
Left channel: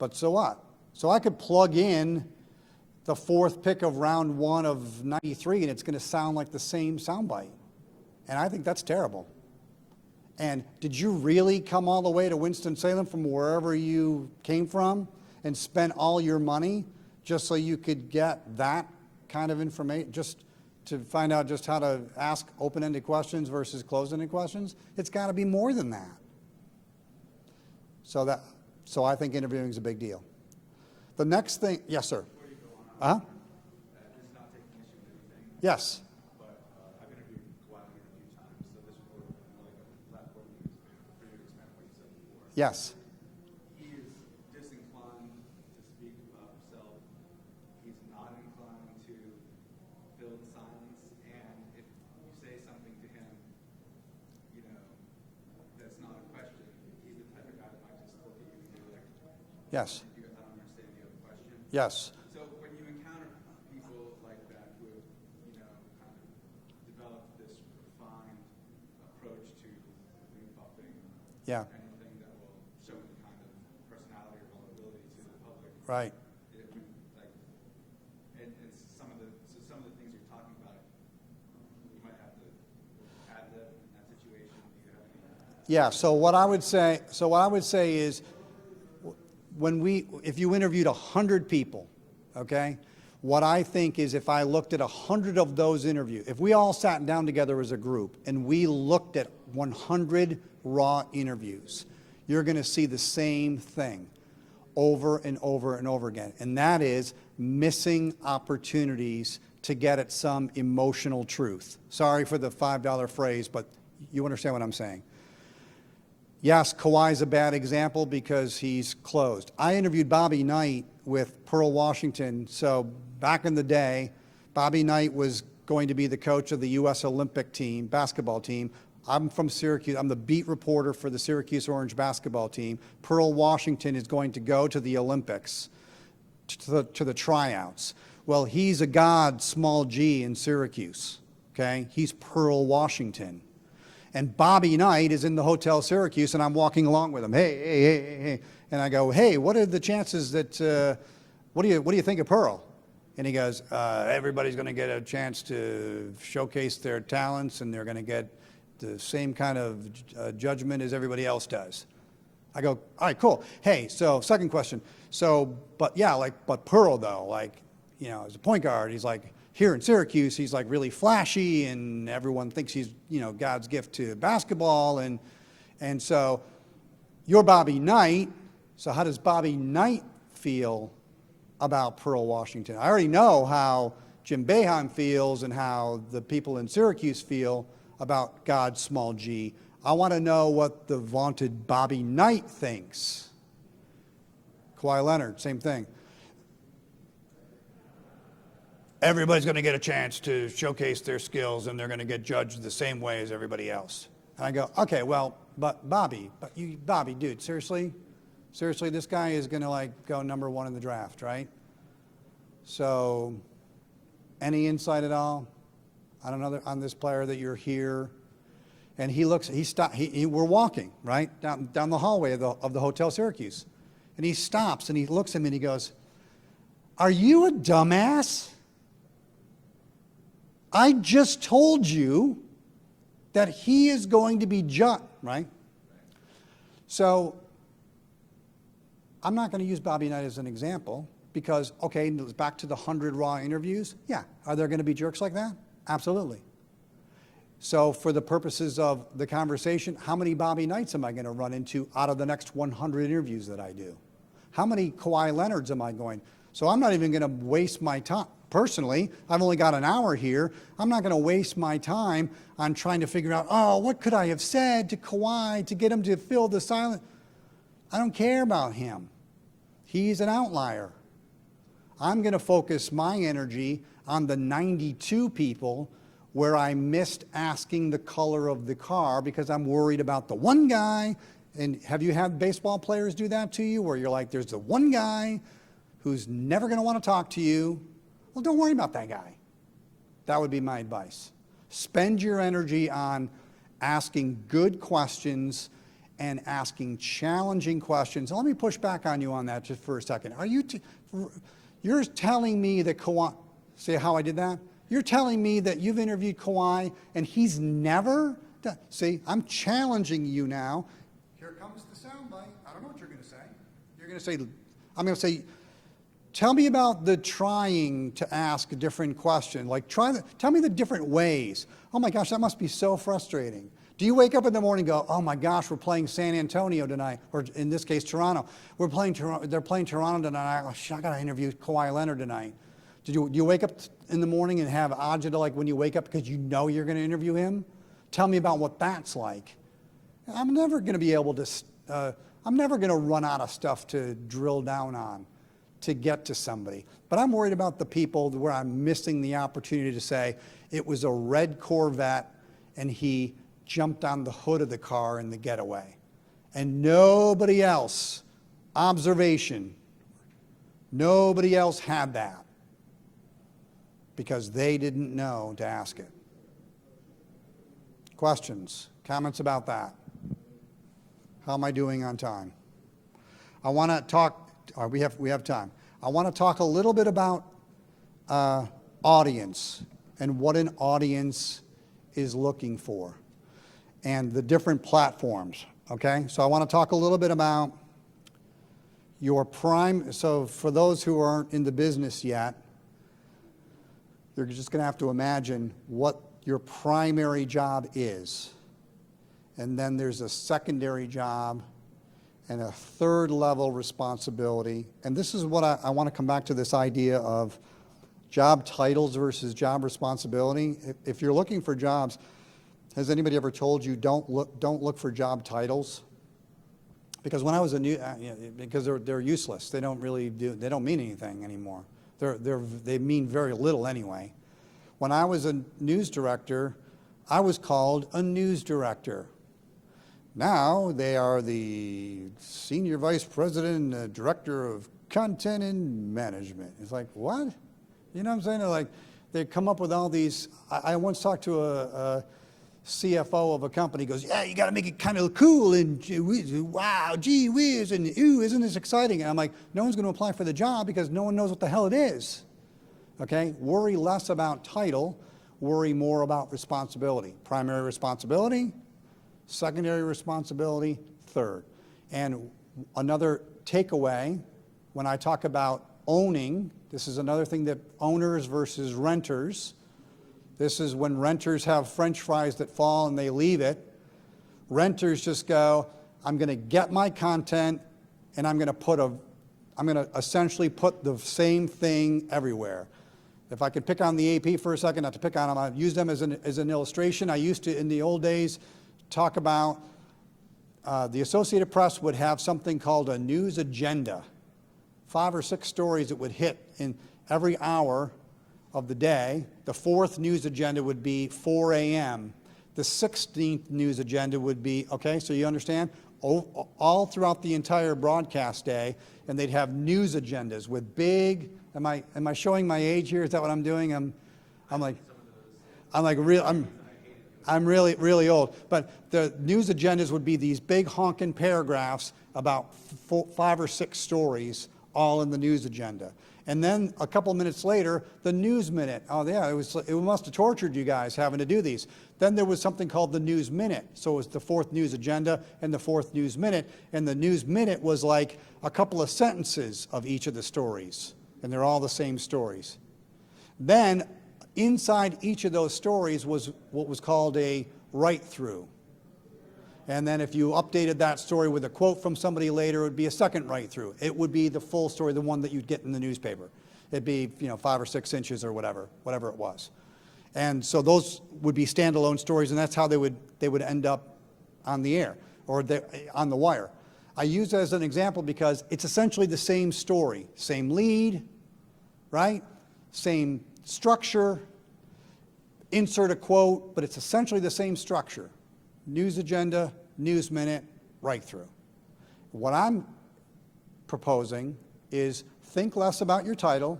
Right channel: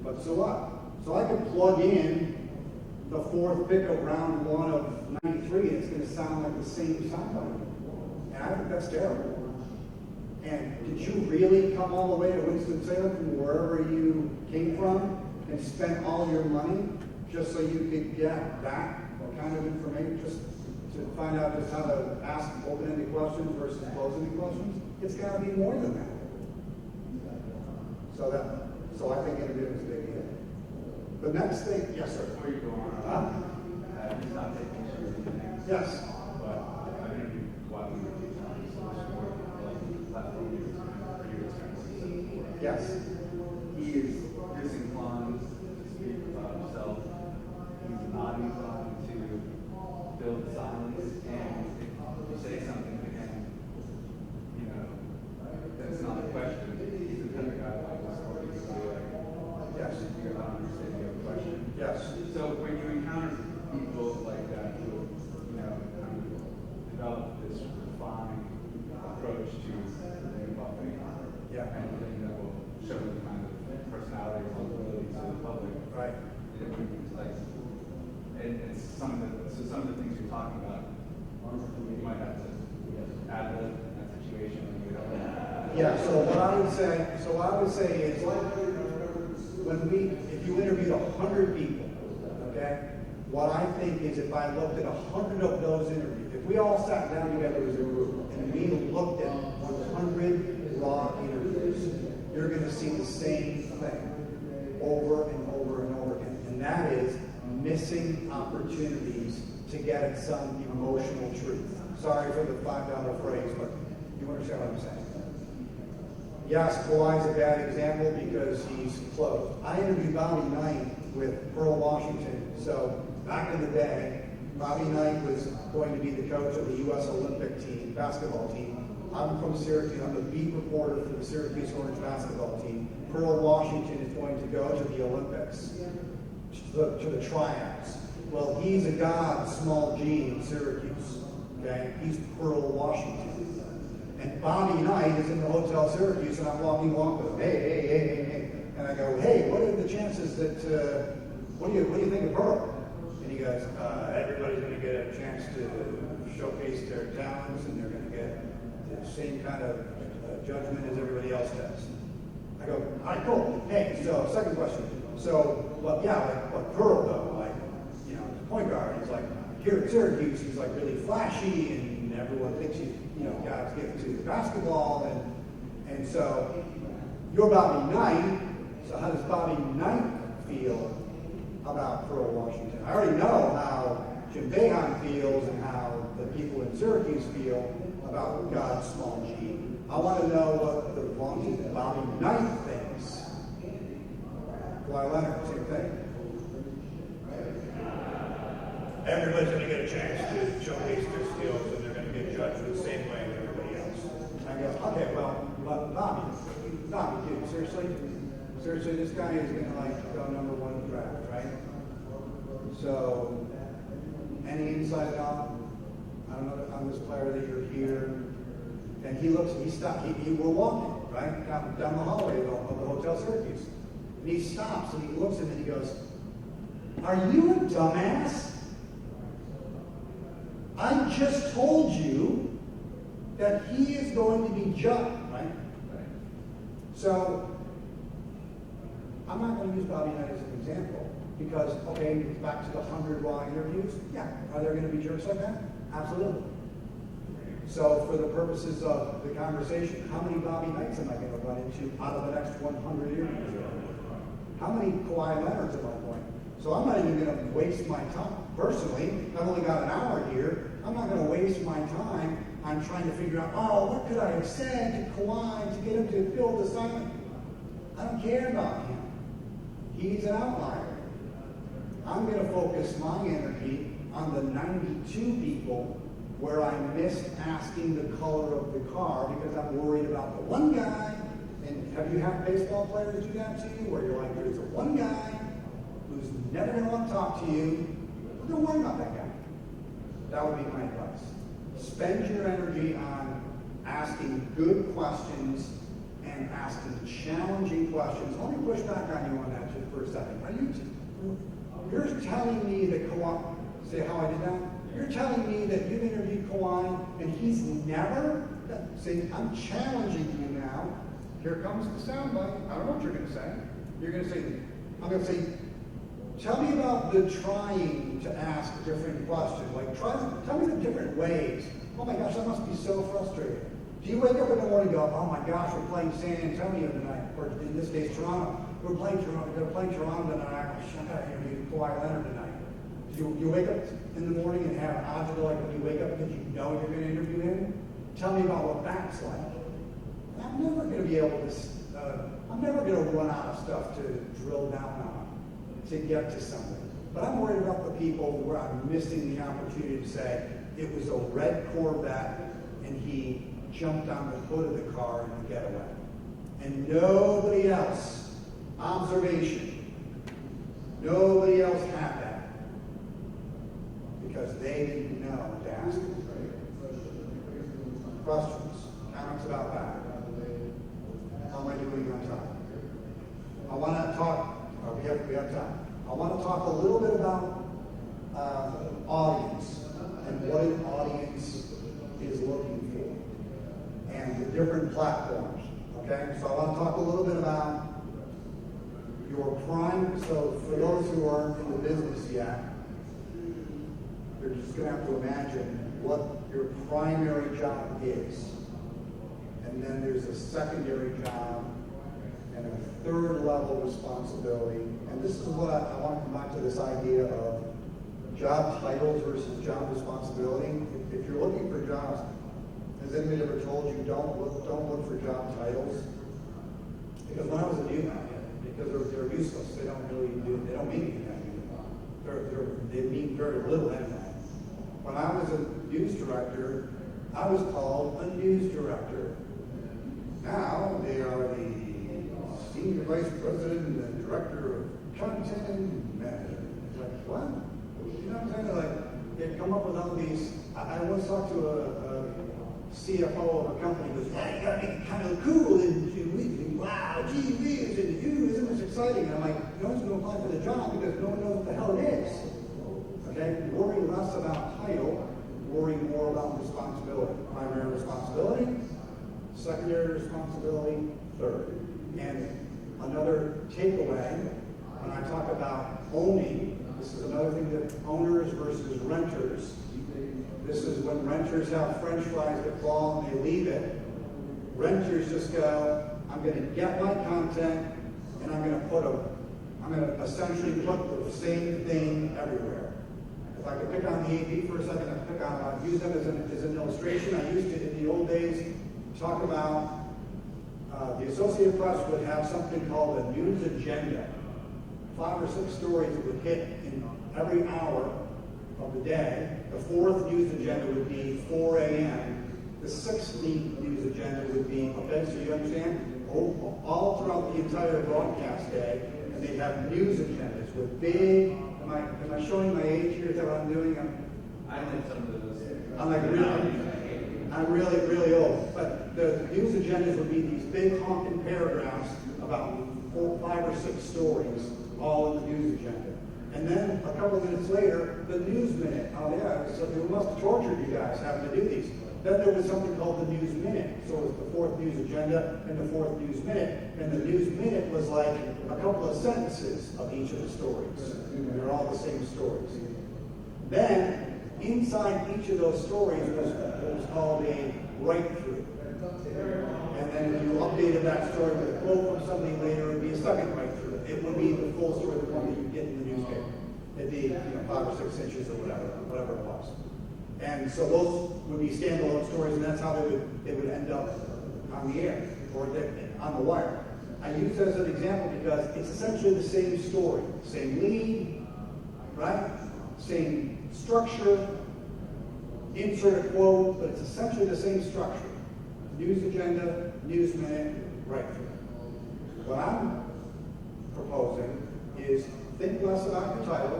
But so what? So I could plug in the 4th pick of round 1 of 93, and it's going to sound like the same soundbite. And I think that's terrible. And did you really come all the way to Winston-Salem from wherever you came from and spend all your money just so you could get that kind of information, just to find out just how to ask open-ended questions versus closed-ended questions? It's got to be more than that. So I think interviewing is a big deal. The next thing, yes, sir. Huh? Yes. Yes. He is disinclined to speak about himself. He's not inclined to build silence. And if you say something to him, you know, that's not a question. He's the type of guy like this, or he's like, Yes. you don't understand your question. Yes. So when you encounter people like that who, you know, kind of develop this refined approach to developing Yeah. anything that will show the kind of personality or ability to the public. Right. It would be like, and some of the things you're talking about, you might have to add in that situation. Yeah. So what I would say is, if you interviewed 100 people, okay, what I think is if I looked at 100 of those interviews, if we all sat down together as a group and we looked at 100 raw interviews, you're going to see the same thing over and over and over again. And that is missing opportunities to get at some emotional truth. Sorry for the $5 phrase, but you understand what I'm saying. Yes, Kawhi's a bad example because he's closed. I interviewed Bobby Knight with Pearl Washington. So back in the day, Bobby Knight was going to be the coach of the U.S. Olympic team, basketball team. I'm from Syracuse. I'm the beat reporter for the Syracuse Orange basketball team. Pearl Washington is going to go to the Olympics, to the tryouts. Well, he's a god, small g, in Syracuse. Okay? He's Pearl Washington. And Bobby Knight is in the Hotel Syracuse, and I'm walking along with him. Hey. And I go, hey, what are the chances that, what do you think of Pearl? And he goes, everybody's going to get a chance to showcase their talents, and they're going to get the same kind of judgment as everybody else does. I go, all right, cool. Hey, so second question. But Pearl though, he's a point guard. He's like, here at Syracuse, he's like really flashy, and everyone thinks he's, God's gift to basketball, and so you're Bobby Knight. So how does Bobby Knight feel about Pearl Washington? I already know how Jim Boeheim feels and how the people in Syracuse feel about God, small g. I want to know what the vaunted Bobby Knight thinks. Kawhi Leonard, same thing. Everybody's going to get a chance to showcase their skills, and they're going to get judged the same way as everybody else. And I go, okay, well, but Bobby, dude, seriously, this guy is going to like go number 1 in the draft, right? So, any insight at all on this player that you're here? And we're walking right down the hallway of the Hotel Syracuse, and he stops and he looks at me and he goes, "Are you a dumbass? I just told you that he is going to be judged," right? So I'm not going to use Bobby Knight as an example because, okay, back to the 100 raw interviews. Yeah, are there going to be jerks like that? Absolutely. So for the purposes of the conversation, how many Bobby Knights am I going to run into out of the next 100 interviews that I do? How many Kawhi Leonards am I going? So I'm not even going to waste my time. Personally, I've only got an hour here. I'm not going to waste my time on trying to figure out, oh, what could I have said to Kawhi to get him to fill the silence? I don't care about him. He's an outlier. I'm going to focus my energy on the 92 people where I missed asking the color of the car because I'm worried about the one guy. And have you had baseball players do that to you where you're like, there's the one guy who's never going to want to talk to you? Well, don't worry about that guy. That would be my advice. Spend your energy on asking good questions and asking challenging questions. Let me push back on you on that just for a second. You're telling me that Kawhi, see how I did that? You're telling me that you've interviewed Kawhi and he's never done, see, I'm challenging you now. Here comes the sound bite. I don't know what you're going to say. You're going to say, I'm going to say, tell me about the trying to ask a different question. Like, tell me the different ways. Oh my gosh, that must be so frustrating. Do you wake up in the morning and go, oh my gosh, we're playing San Antonio tonight, or in this case, Toronto. They're playing Toronto tonight. I got to interview Kawhi Leonard tonight. Do you wake up in the morning and have agita like when you wake up because you know you're going to interview him? Tell me about what that's like. I'm never going to be able to, I'm never going to run out of stuff to drill down on to get to somebody. But I'm worried about the people where I'm missing the opportunity to say, it was a red Corvette and he jumped on the hood of the car in the getaway. And nobody else, observation, nobody else had that because they didn't know to ask it. Questions, comments about that? How am I doing on time? I want to talk, we have time. I want to talk a little bit about audience and what an audience is looking for and the different platforms, okay? So I want to talk a little bit about your prime, so for those who aren't in the business yet, you're just going to have to imagine what your primary job is. And then there's a secondary job and a third level responsibility. And this is what I want to come back to this idea of job titles versus job responsibility. If you're looking for jobs, has anybody ever told you don't look for job titles? Because when I was because they're useless. They don't mean anything anymore. They mean very little anyway. When I was a news director, I was called a news director. Now they are the senior vice president and director of content and management. It's like, what? You know what I'm saying? Like, they come up with all these. I once talked to a CFO of a company. He goes, yeah, you got to make it kind of cool and wow, gee whiz, and ooh, isn't this exciting? And I'm like, no one's going to apply for the job because no one knows what the hell it is. Okay? Worry less about title, worry more about responsibility. Primary responsibility, secondary responsibility, third. And another takeaway, when I talk about owning, this is another thing that owners versus renters. This is when renters have French fries that fall and they leave it. Renters just go, I'm going to get my content and I'm going to essentially put the same thing everywhere. If I could pick on the AP for a second, not to pick on them, I've used them as an illustration. I used to, in the old days, talk about, the Associated Press would have something called a news agenda. 5 or 6 stories that would hit in every hour of the day. The 4th news agenda would be 4 a.m. The 16th news agenda would be, okay, so you understand? All throughout the entire broadcast day, and they'd have news agendas with big, am I showing my age here? Is that what I'm doing? I'm really old. But the news agendas would be these big honking paragraphs about 5 or 6 stories, all in the news agenda. And then a couple minutes later, the news minute. Oh yeah, it must have tortured you guys having to do these. Then there was something called the news minute. So it was the 4th news agenda and the 4th news minute. And the news minute was like a couple of sentences of each of the stories. And they're all the same stories. Then inside each of those stories was what was called a write-through. And then if you updated that story with a quote from somebody later, it would be a second write-through. It would be the full story, the one that you'd get in the newspaper. It'd be 5 or 6 inches or whatever it was. And so those would be standalone stories, and that's how they would end up on the air or on the wire. I use that as an example because it's essentially the same story, same lead, right? Same structure, insert a quote, but it's essentially the same structure. News agenda, news minute, right through. What I'm proposing is think less about your title,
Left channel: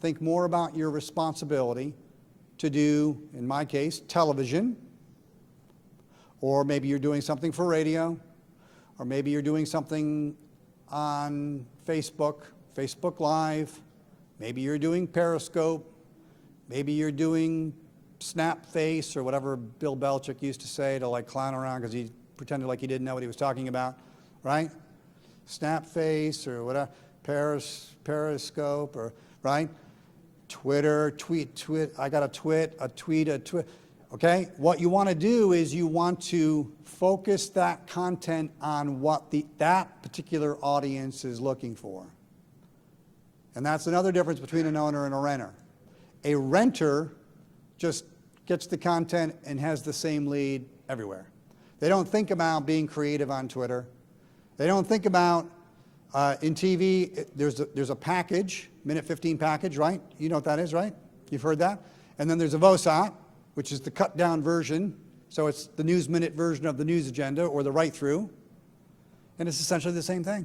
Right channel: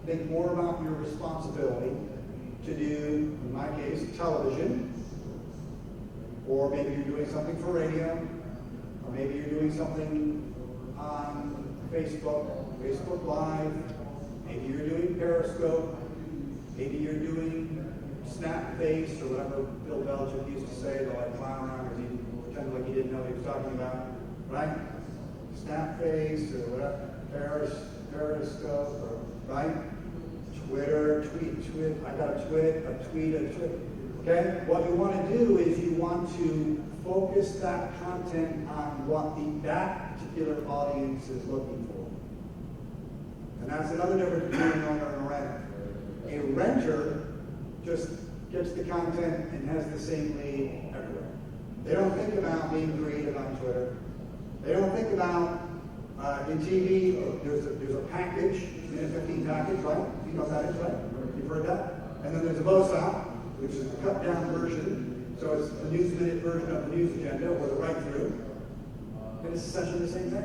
think more about your responsibility to do, in my case, television, or maybe you're doing something for radio, or maybe you're doing something on Facebook Live, maybe you're doing Periscope, maybe you're doing Snapface or whatever Bill Belichick used to say to like clown around because he pretended like he didn't know what he was talking about, right? Snapface or whatever, Periscope or, right? Twitter, tweet, I got a tweet. Okay? What you want to do is you want to focus that content on what that particular audience is looking for. And that's another difference between an owner and a renter. A renter just gets the content and has the same lead everywhere. They don't think about being creative on Twitter. They don't think about in TV, there's a package, minute 15 package, right? You know what that is, right? You've heard that? And then there's a VOSA, which is the cut down version. So it's the news minute version of the news agenda or the write through. And it's essentially the same thing.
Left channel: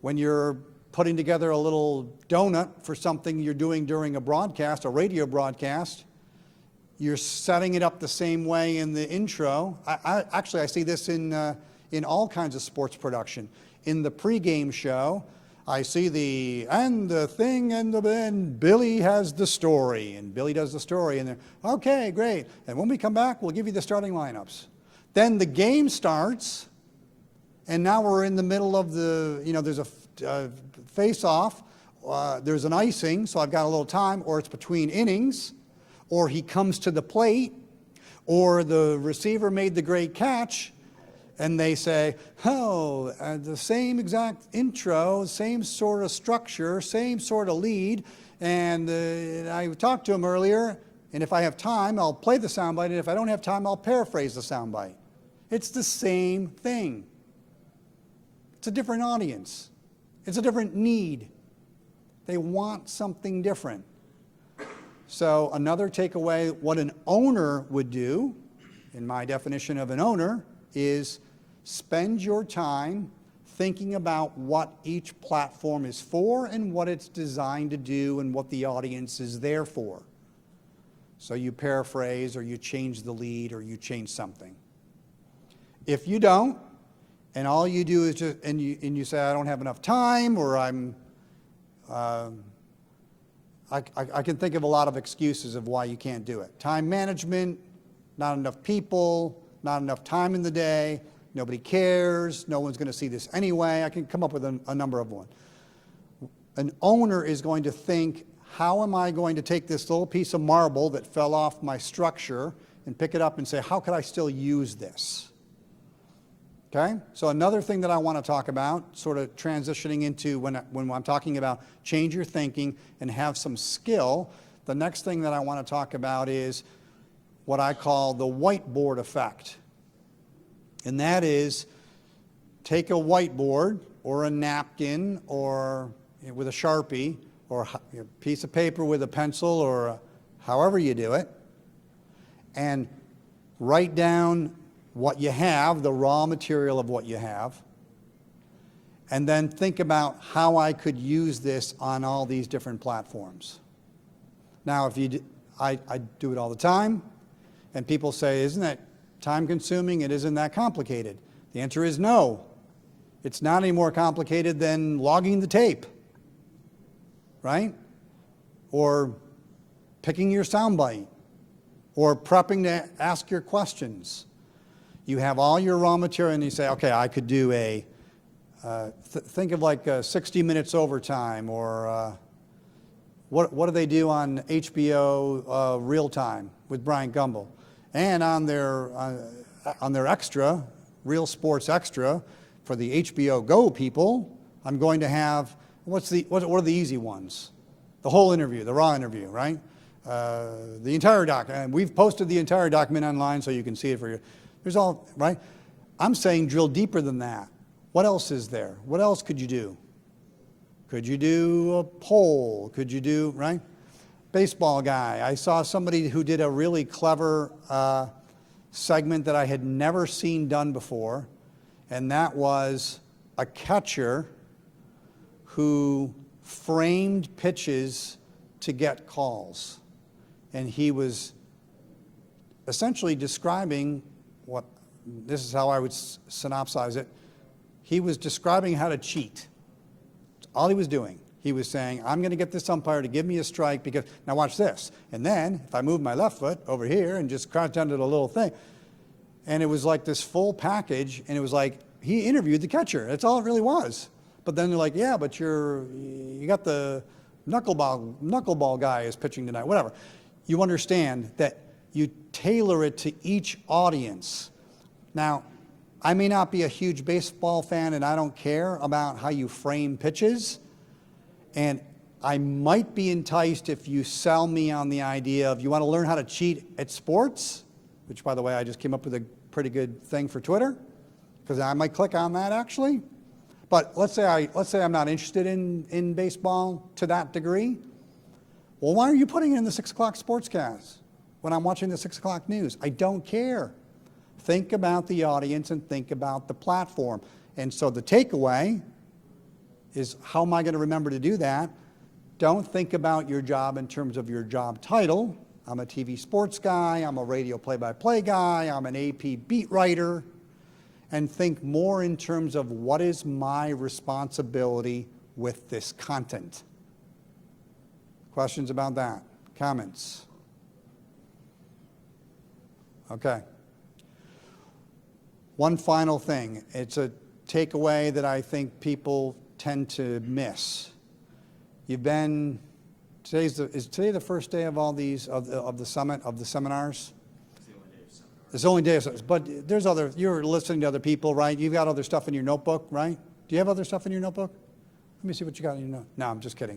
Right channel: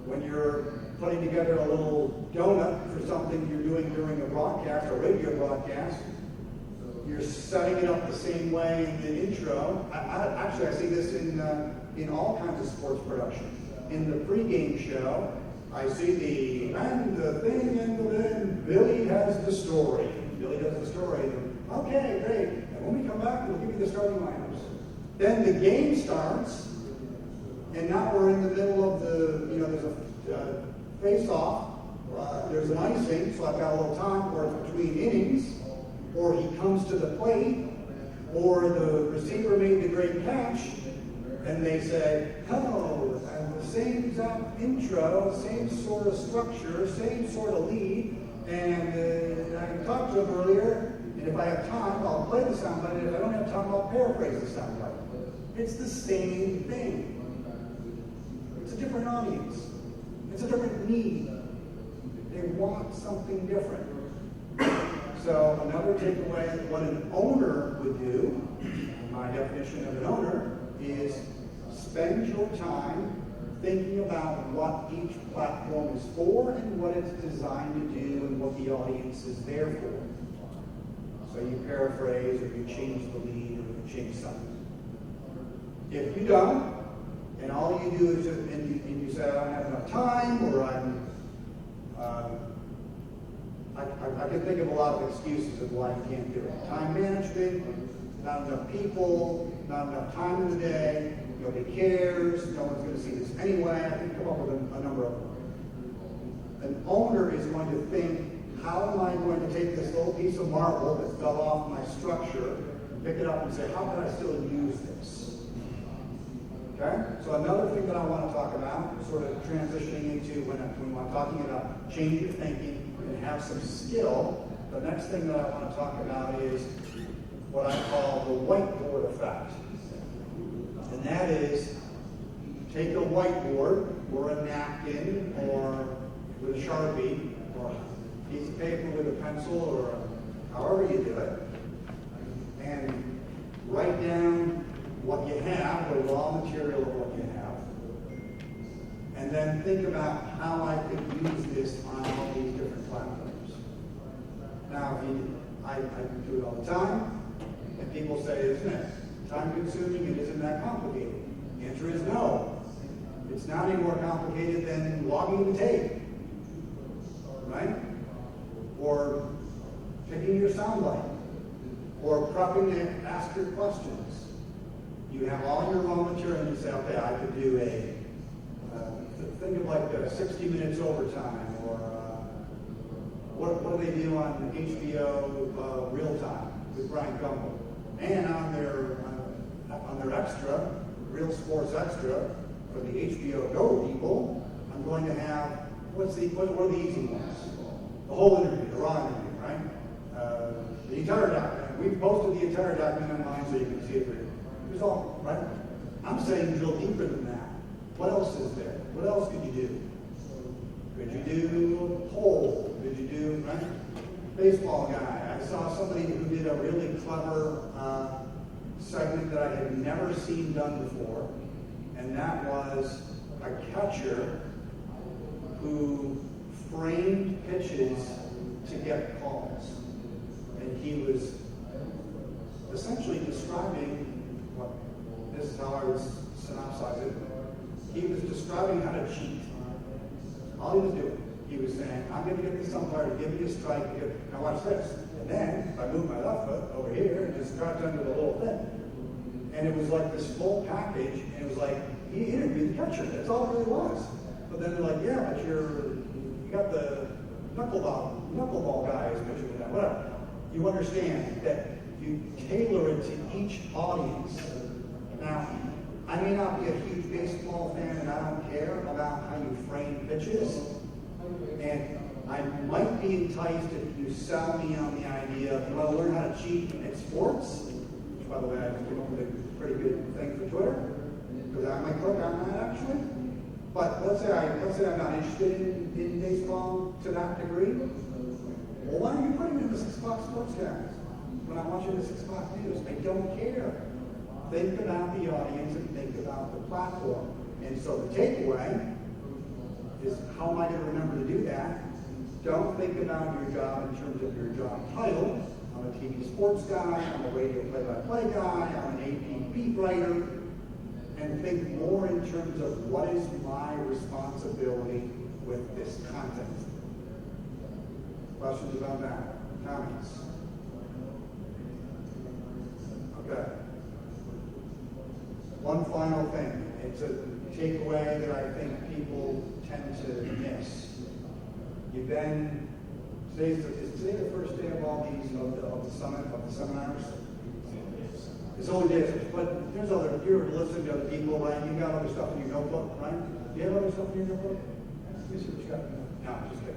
When you're putting together a little donut for something you're doing during a broadcast, a radio broadcast, you're setting it up the same way in the intro. I see this in all kinds of sports production. In the pregame show, I see and then Billy has the story, and Billy does the story, and then, okay, great. And when we come back, we'll give you the starting lineups. Then the game starts, and now we're in the middle of there's a face-off, there's an icing, so I've got a little time, or it's between innings, or he comes to the plate, or the receiver made the great catch, and they say, the same exact intro, same sort of structure, same sort of lead, and I talked to him earlier, and if I have time, I'll play the soundbite, and if I don't have time, I'll paraphrase the soundbite. It's the same thing. It's a different audience. It's a different need. They want something different. So another takeaway, what an owner would do, my definition of an owner, is spend your time thinking about what each platform is for and what it's designed to do and what the audience is there for. So you paraphrase or you change the lead or you change something. If you don't, and all you do is and you say, I don't have enough time, or I can think of a lot of excuses of why you can't do it. Time management, not enough people, not enough time in the day, nobody cares, no one's going to see this anyway. I can come up with a number of them. An owner is going to think, how am I going to take this little piece of marble that fell off my structure and pick it up and say, how can I still use this? Okay? So another thing that I want to talk about, sort of transitioning into when I'm talking about change your thinking and have some skill, the next thing that I want to talk about is what I call the whiteboard effect. And that is, take a whiteboard or a napkin or with a Sharpie or a piece of paper with a pencil or however you do it, and write down what you have, the raw material of what you have, and then think about how I could use this on all these different platforms. Now, if you do, I do it all the time, and people say, isn't that time consuming? It isn't that complicated. The answer is no. It's not any more complicated than logging the tape, right? Or picking your soundbite, or prepping to ask your questions. You have all your raw material and you say, okay, I could do a, think of like 60 Minutes Overtime, or what do they do on HBO Real Time with Brian Gumbel? And on their extra, Real Sports Extra, for the HBO Go people, I'm going to have, what are the easy ones? The whole interview, the raw interview, right? The entire doc, we've posted the entire document online so you can see it for you. Here's all, right? I'm saying drill deeper than that. What else is there? What else could you do? Could you do a poll? Could you do, right? Baseball guy. I saw somebody who did a really clever segment that I had never seen done before, and that was a catcher who framed pitches to get calls. And he was essentially describing what, this is how I would synopsize it. He was describing how to cheat. All he was doing. He was saying, I'm going to get this umpire to give me a strike because, now watch this. And then if I move my left foot over here and just crouch down to the little thing. And it was like this full package, and it was like, he interviewed the catcher. That's all it really was. But then they're like, yeah, but you got the knuckleball guy is pitching tonight, whatever. You understand that you tailor it to each audience. Now, I may not be a huge baseball fan and I don't care about how you frame pitches, and I might be enticed if you sell me on the idea of you want to learn how to cheat at sports, which by the way, I just came up with a pretty good thing for Twitter, because I might click on that actually. But let's say I'm not interested in baseball to that degree. Well, why are you putting it in the 6 o'clock sportscast when I'm watching the 6 o'clock news? I don't care. Think about the audience and think about the platform. And so the takeaway is, how am I going to remember to do that? Don't think about your job in terms of your job title. I'm a TV sports guy, I'm a radio play-by-play guy, I'm an AP beat writer. And think more in terms of what is my responsibility with this content. Questions about that? Comments? Okay. One final thing. It's a takeaway that I think people tend to miss. Is today the first day of all these, of the seminars? It's only days, but there's other, you're listening to other people, right? You've got other stuff in your notebook, right? Do you have other stuff in your notebook? Let me see what you got in your notebook. No, I'm just kidding.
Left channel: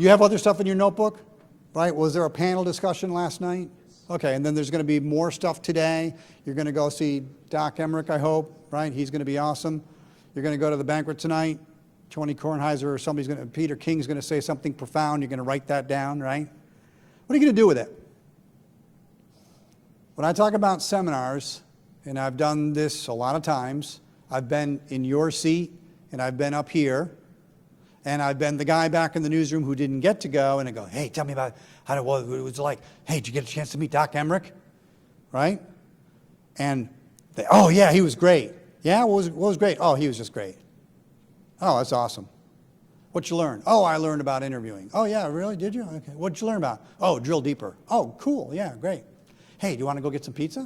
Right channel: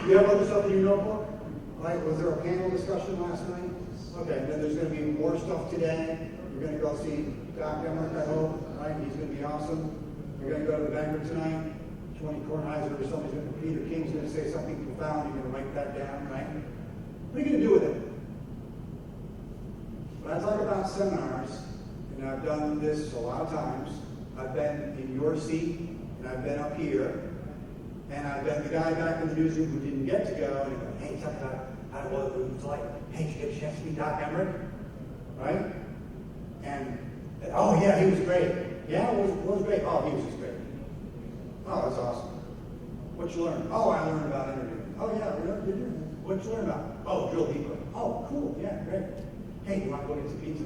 You have other stuff in your notebook, right? Was there a panel discussion last night? Okay, and then there's going to be more stuff today. You're going to go see Doc Emmerich, I hope, right? He's going to be awesome. You're going to go to the banquet tonight. Tony Kornheiser or Peter King's going to say something profound. You're going to write that down, right? What are you going to do with it? When I talk about seminars, and I've done this a lot of times, I've been in your seat, and I've been up here, and I've been the guy back in the newsroom who didn't get to go, and I go, hey, tell me about what it was like. Hey, did you get a chance to meet Doc Emmerich? Right? And they, oh yeah, he was great. Yeah, what was great? Oh, he was just great. Oh, that's awesome. What'd you learn? Oh, I learned about interviewing. Oh yeah, really? Did you? Okay. What'd you learn about? Oh, drill deeper. Oh, cool. Yeah, great. Hey, do you want to go get some pizza?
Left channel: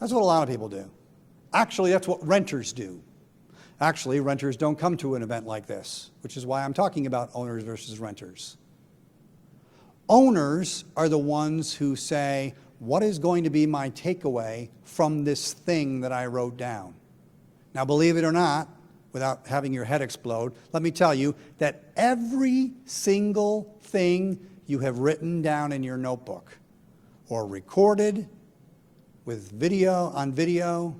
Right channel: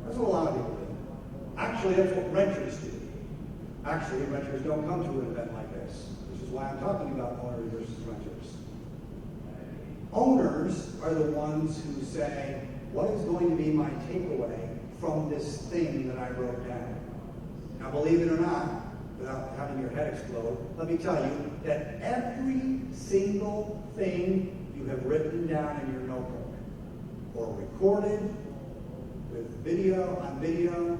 That's what a lot of people do. Actually, that's what renters do. Actually, renters don't come to an event like this, which is why I'm talking about owners versus renters. Owners are the ones who say, what is going to be my takeaway from this thing that I wrote down? Now, believe it or not, without having your head explode, let me tell you that every single thing you have written down in your notebook, or recorded, with video,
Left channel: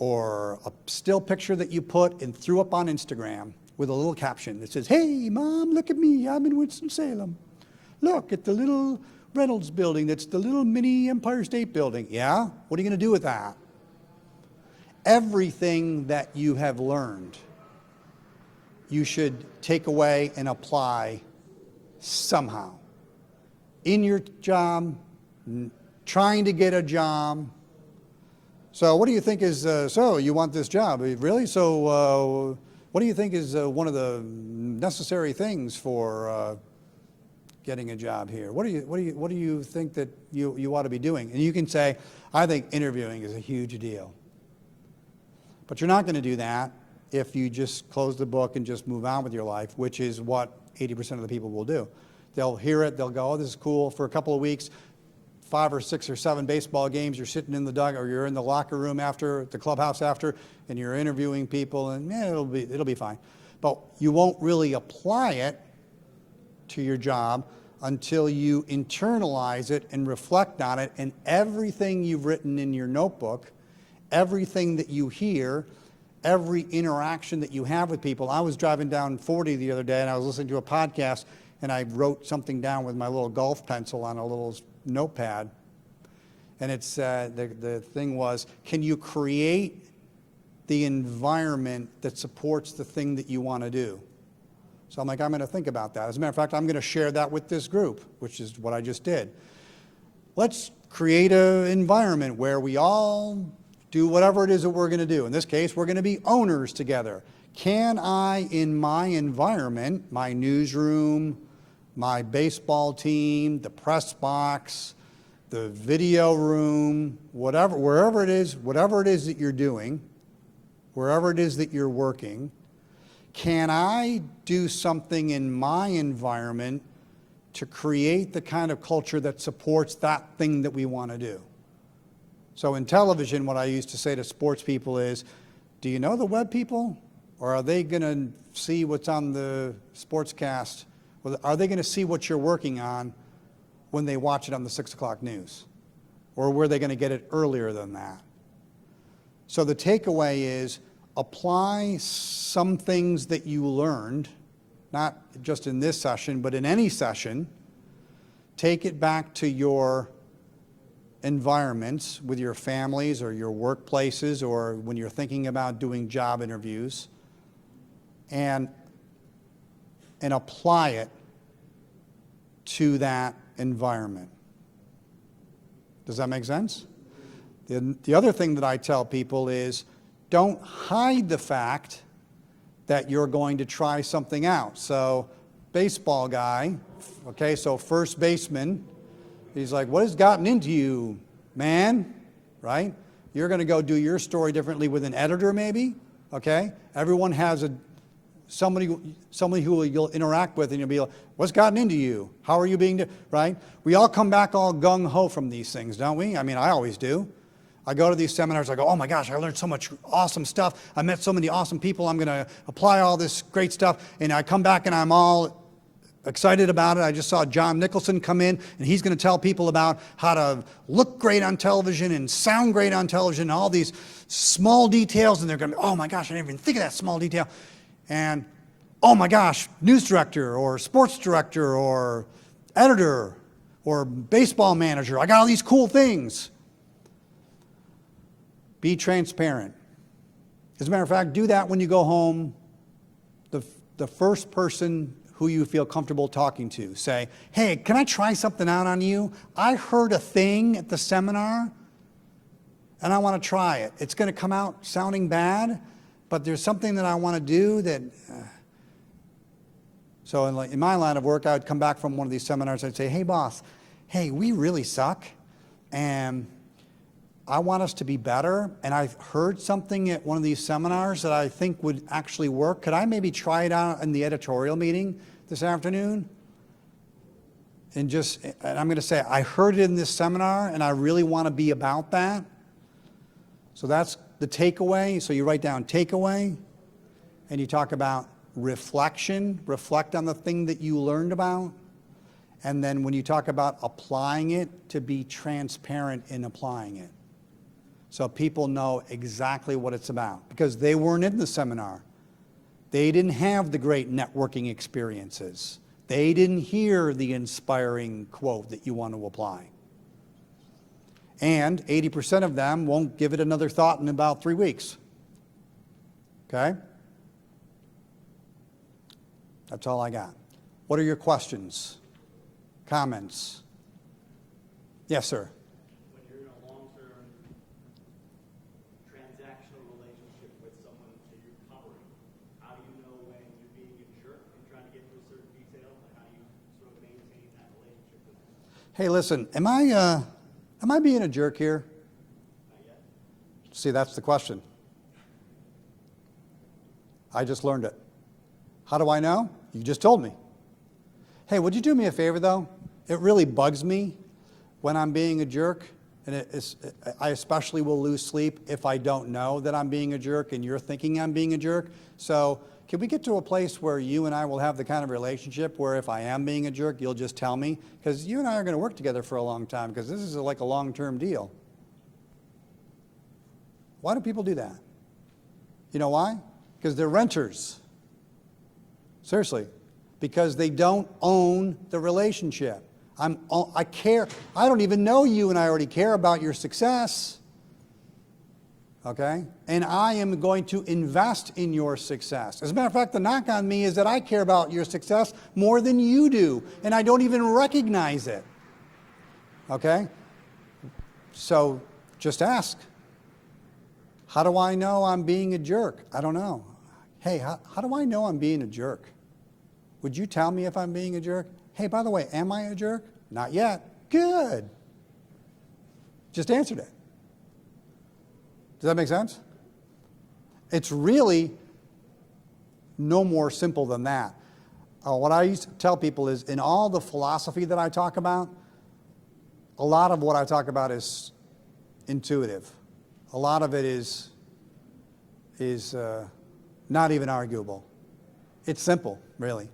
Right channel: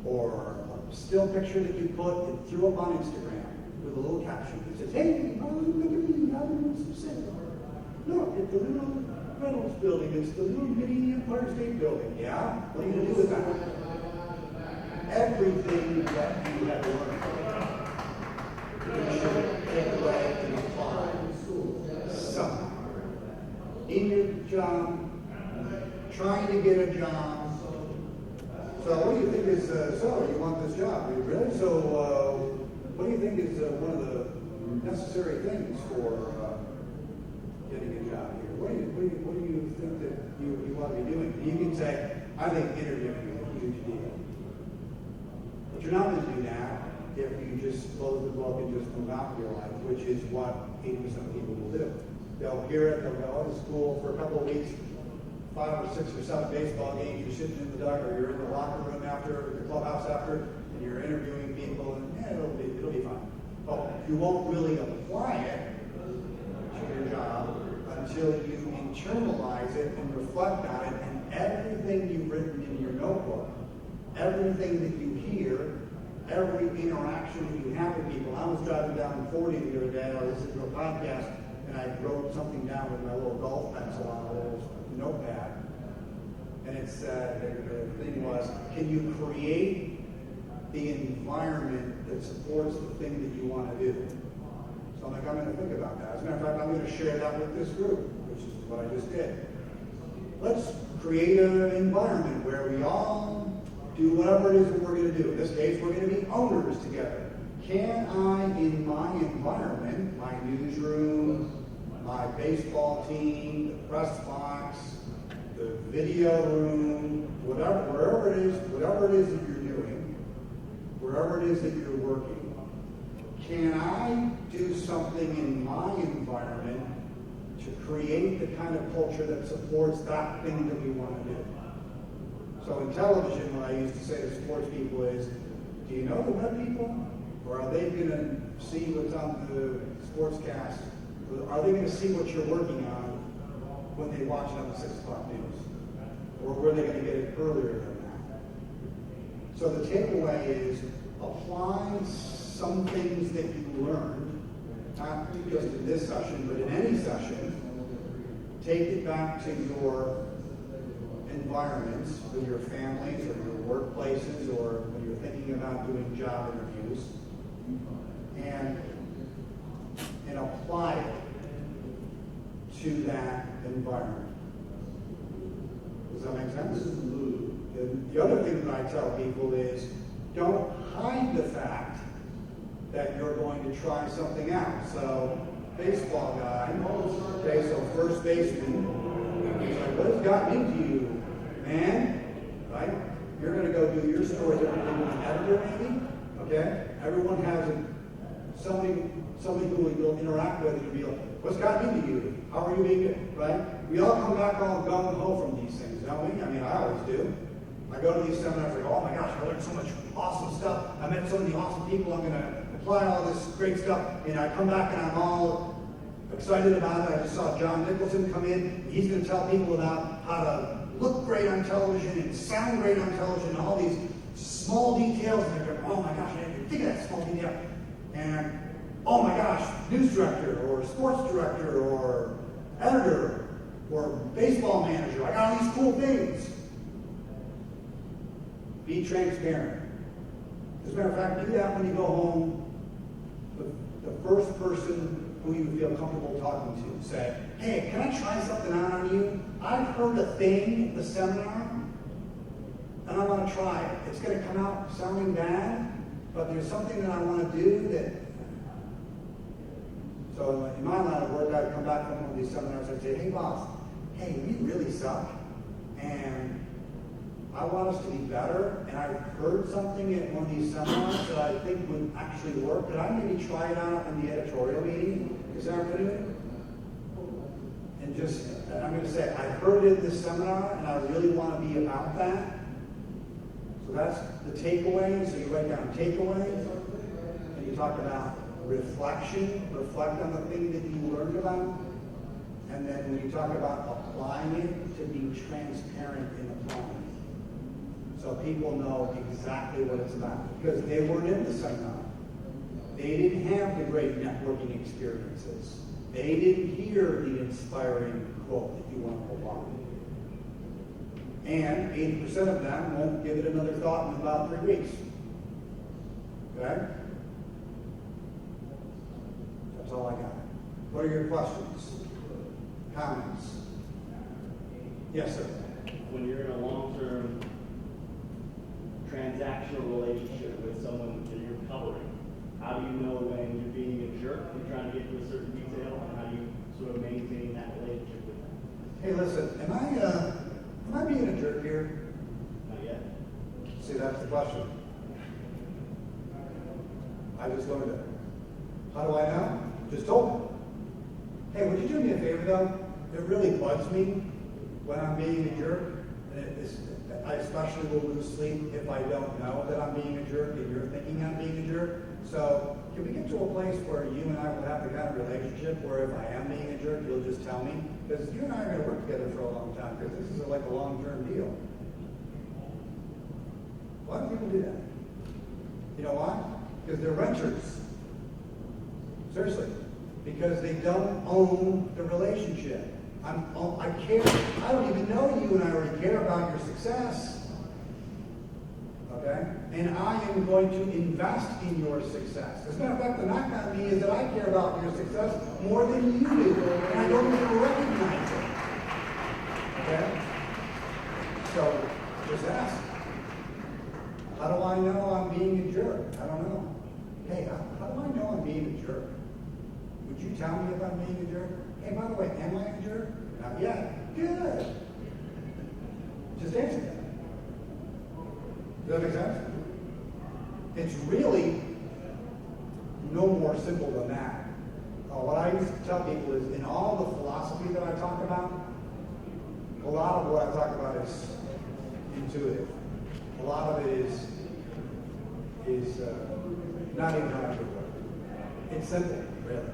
or a still picture that you put and threw up on Instagram with a little caption that says, "Hey, Mom, look at me, I'm in Winston-Salem. Look at the little Reynolds building, that's the little mini Empire State Building." Yeah? What are you going to do with that? Everything that you have learned, you should take away and apply somehow. In your job, trying to get a job. So what do you think is, so you want this job, really? So what do you think is one of the necessary things for getting a job here? What do you think that you ought to be doing? And you can say, I think interviewing is a huge deal. But you're not going to do that if you just close the book and just move on with your life, which is what 80% of the people will do. They'll hear it, they'll go, oh, this is cool, for a couple of weeks, 5 or 6 or 7 baseball games, you're sitting in the dugout, or you're in the locker room after, the clubhouse after, and you're interviewing people, and it'll be fine. But you won't really apply it to your job until you internalize it and reflect on it, and everything you've written in your notebook, everything that you hear, every interaction that you have with people. I was driving down 40 the other day, and I was listening to a podcast, and I wrote something down with my little golf pencil on a little notepad. And it's the thing was, can you create the environment that supports the thing that you want to do? So I'm like, I'm going to think about that. As a matter of fact, I'm going to share that with this group, which is what I just did. Let's create an environment where we all do whatever it is that we're going to do. In this case, we're going to be owners together. Can I, in my environment, my newsroom, my baseball team, the press box, the video room, wherever it is that you're doing, wherever it is that you're working, can I do something in my environment to create the kind of culture that supports that thing that we want to do? So in television, what I used to say to sports people is, do you know the web people? Or are they going to see what's on the sportscast? Or are they going to see what you're working on when they watch it on the 6 o'clock news? Or were they going to get it earlier than that? So the takeaway is, apply some things that you learned, not just in this session, but in any session. Take it back to your environments with your families or your workplaces, or when you're thinking about doing job interviews, and apply it to that environment. Does that make sense? And the other thing that I tell people is, don't hide the fact that you're going to try something out. So, baseball guy, okay, so first baseman, he's like, what has gotten into you, man? Right? You're going to go do your story differently with an editor, maybe, okay? Everyone has somebody who you'll interact with, and you'll be like, what's gotten into you? How are you being, right? We all come back all gung-ho from these things, don't we? I mean, I always do. I go to these seminars, I go, oh my gosh, I learned so much awesome stuff. I met so many awesome people. I'm going to apply all this great stuff. And I come back and I'm all excited about it. I just saw John Nicholson come in, and he's going to tell people about how to look great on television and sound great on television, and all these small details. And they're going, oh my gosh, I didn't even think of that small detail. And oh my gosh, news director or sports director or editor or baseball manager, I got all these cool things. Be transparent. As a matter of fact, do that when you go home. The first person who you feel comfortable talking to, say, hey, can I try something out on you? I heard a thing at the seminar, and I want to try it. It's going to come out sounding bad, but there's something that I want to do that... So in my line of work, I would come back from one of these seminars, I'd say, hey boss, hey, we really suck, and I want us to be better, and I've heard something at one of these seminars that I think would actually work. Could I maybe try it out in the editorial meeting this afternoon? And I'm going to say, I heard it in this seminar, and I really want to be about that. So that's the takeaway. So you write down takeaway, and you talk about reflection. Reflect on the thing that you learned about. And then when you talk about applying it, to be transparent in applying it. so people know exactly what it's about, because they weren't in the seminar. They didn't have the great networking experiences. They didn't hear the inspiring quote that you want to apply. And 80% of them won't give it another thought in about 3 weeks. Okay? That's all I got. What are your questions? Comments? Yes, sir. When you're in a long-term transactional relationship with someone that you're covering, how do you know when you're being a jerk and trying to get to a certain detail, and how do you sort of maintain that relationship with them? Hey, listen, am I being a jerk here? Not yet. See, that's the question. I just learned it. How do I know? You just told me. Hey, would you do me a favor, though? It really bugs me when I'm being a jerk, and I especially will lose sleep if I don't know that I'm being a jerk and you're thinking I'm being a jerk. So can we get to a place where you and I will have the kind of relationship where if I am being a jerk, you'll just tell me? Because you and I are going to work together for a long time, because this is like a long-term deal. Why do people do that? You know why? Because they're renters. Seriously. Because they don't own the relationship. I care. I don't even know you, and I already care about your success. Okay? And I am going to invest in your success. As a matter of fact, the knock on me is that I care about your success more than you do, and I don't even recognize it. Okay? So just ask. How do I know I'm being a jerk? I don't know. Hey, how do I know I'm being a jerk? Would you tell me if I'm being a jerk? Hey, by the way, am I a jerk? Not yet. Good. Just answered it. Does that make sense? It's really no more simple than that. What I used to tell people is, in all the philosophy that I talk about, a lot of what I talk about is intuitive. A lot of it is not even arguable. It's simple, really.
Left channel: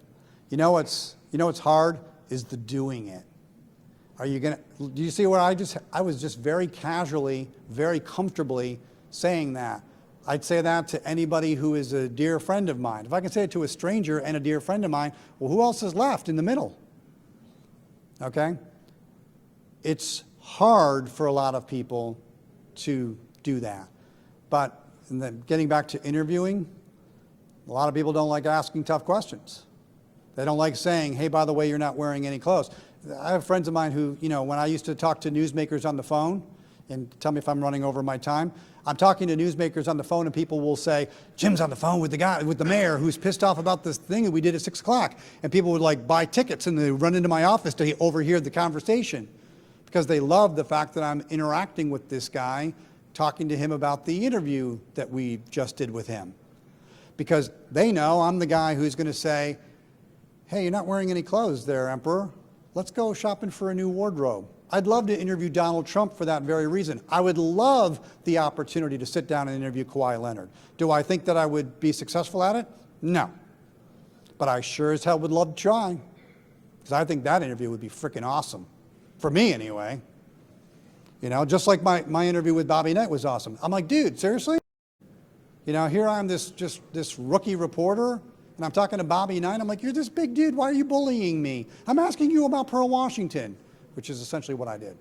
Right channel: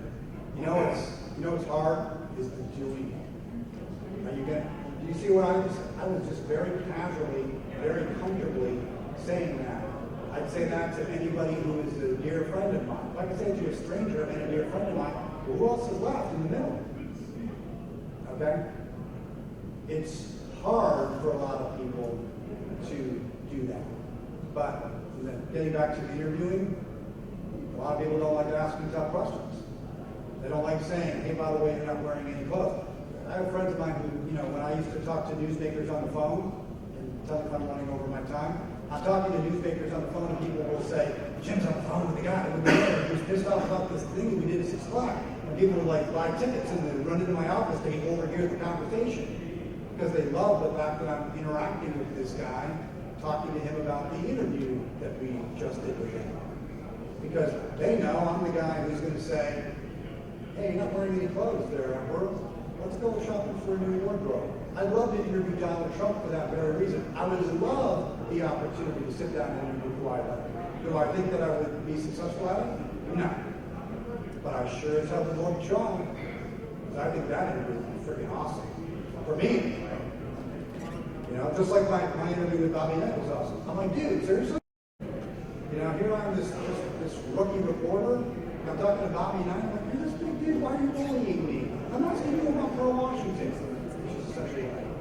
You know what's hard is the doing it. Are you gonna? Do you see where I was just very casually, very comfortably saying that. I'd say that to anybody who is a dear friend of mine. If I could say it to a stranger and a dear friend of mine, well, who else is left in the middle? Okay? It's hard for a lot of people to do that. But getting back to interviewing, a lot of people don't like asking tough questions. They don't like saying, hey, by the way, you're not wearing any clothes. I have friends of mine who, when I used to talk to newsmakers on the phone, and tell me if I'm running over my time, I'm talking to newsmakers on the phone and people will say, Jim's on the phone with the mayor who's pissed off about this thing that we did at 6 o'clock. And people would buy tickets and they run into my office to overhear the conversation because they love the fact that I'm interacting with this guy, talking to him about the interview that we just did with him. Because they know I'm the guy who's going to say, hey, you're not wearing any clothes there, Emperor. Let's go shopping for a new wardrobe. I'd love to interview Donald Trump for that very reason. I would love the opportunity to sit down and interview Kawhi Leonard. Do I think that I would be successful at it? No. But I sure as hell would love to try. Because I think that interview would be freaking awesome. For me, anyway. Just like my interview with Bobby Knight was awesome. I'm like, dude, seriously? Here I'm this rookie reporter, and I'm talking to Bobby Knight. I'm like, you're this big dude. Why are you bullying me? I'm asking you about Pearl Washington, which is essentially what I did.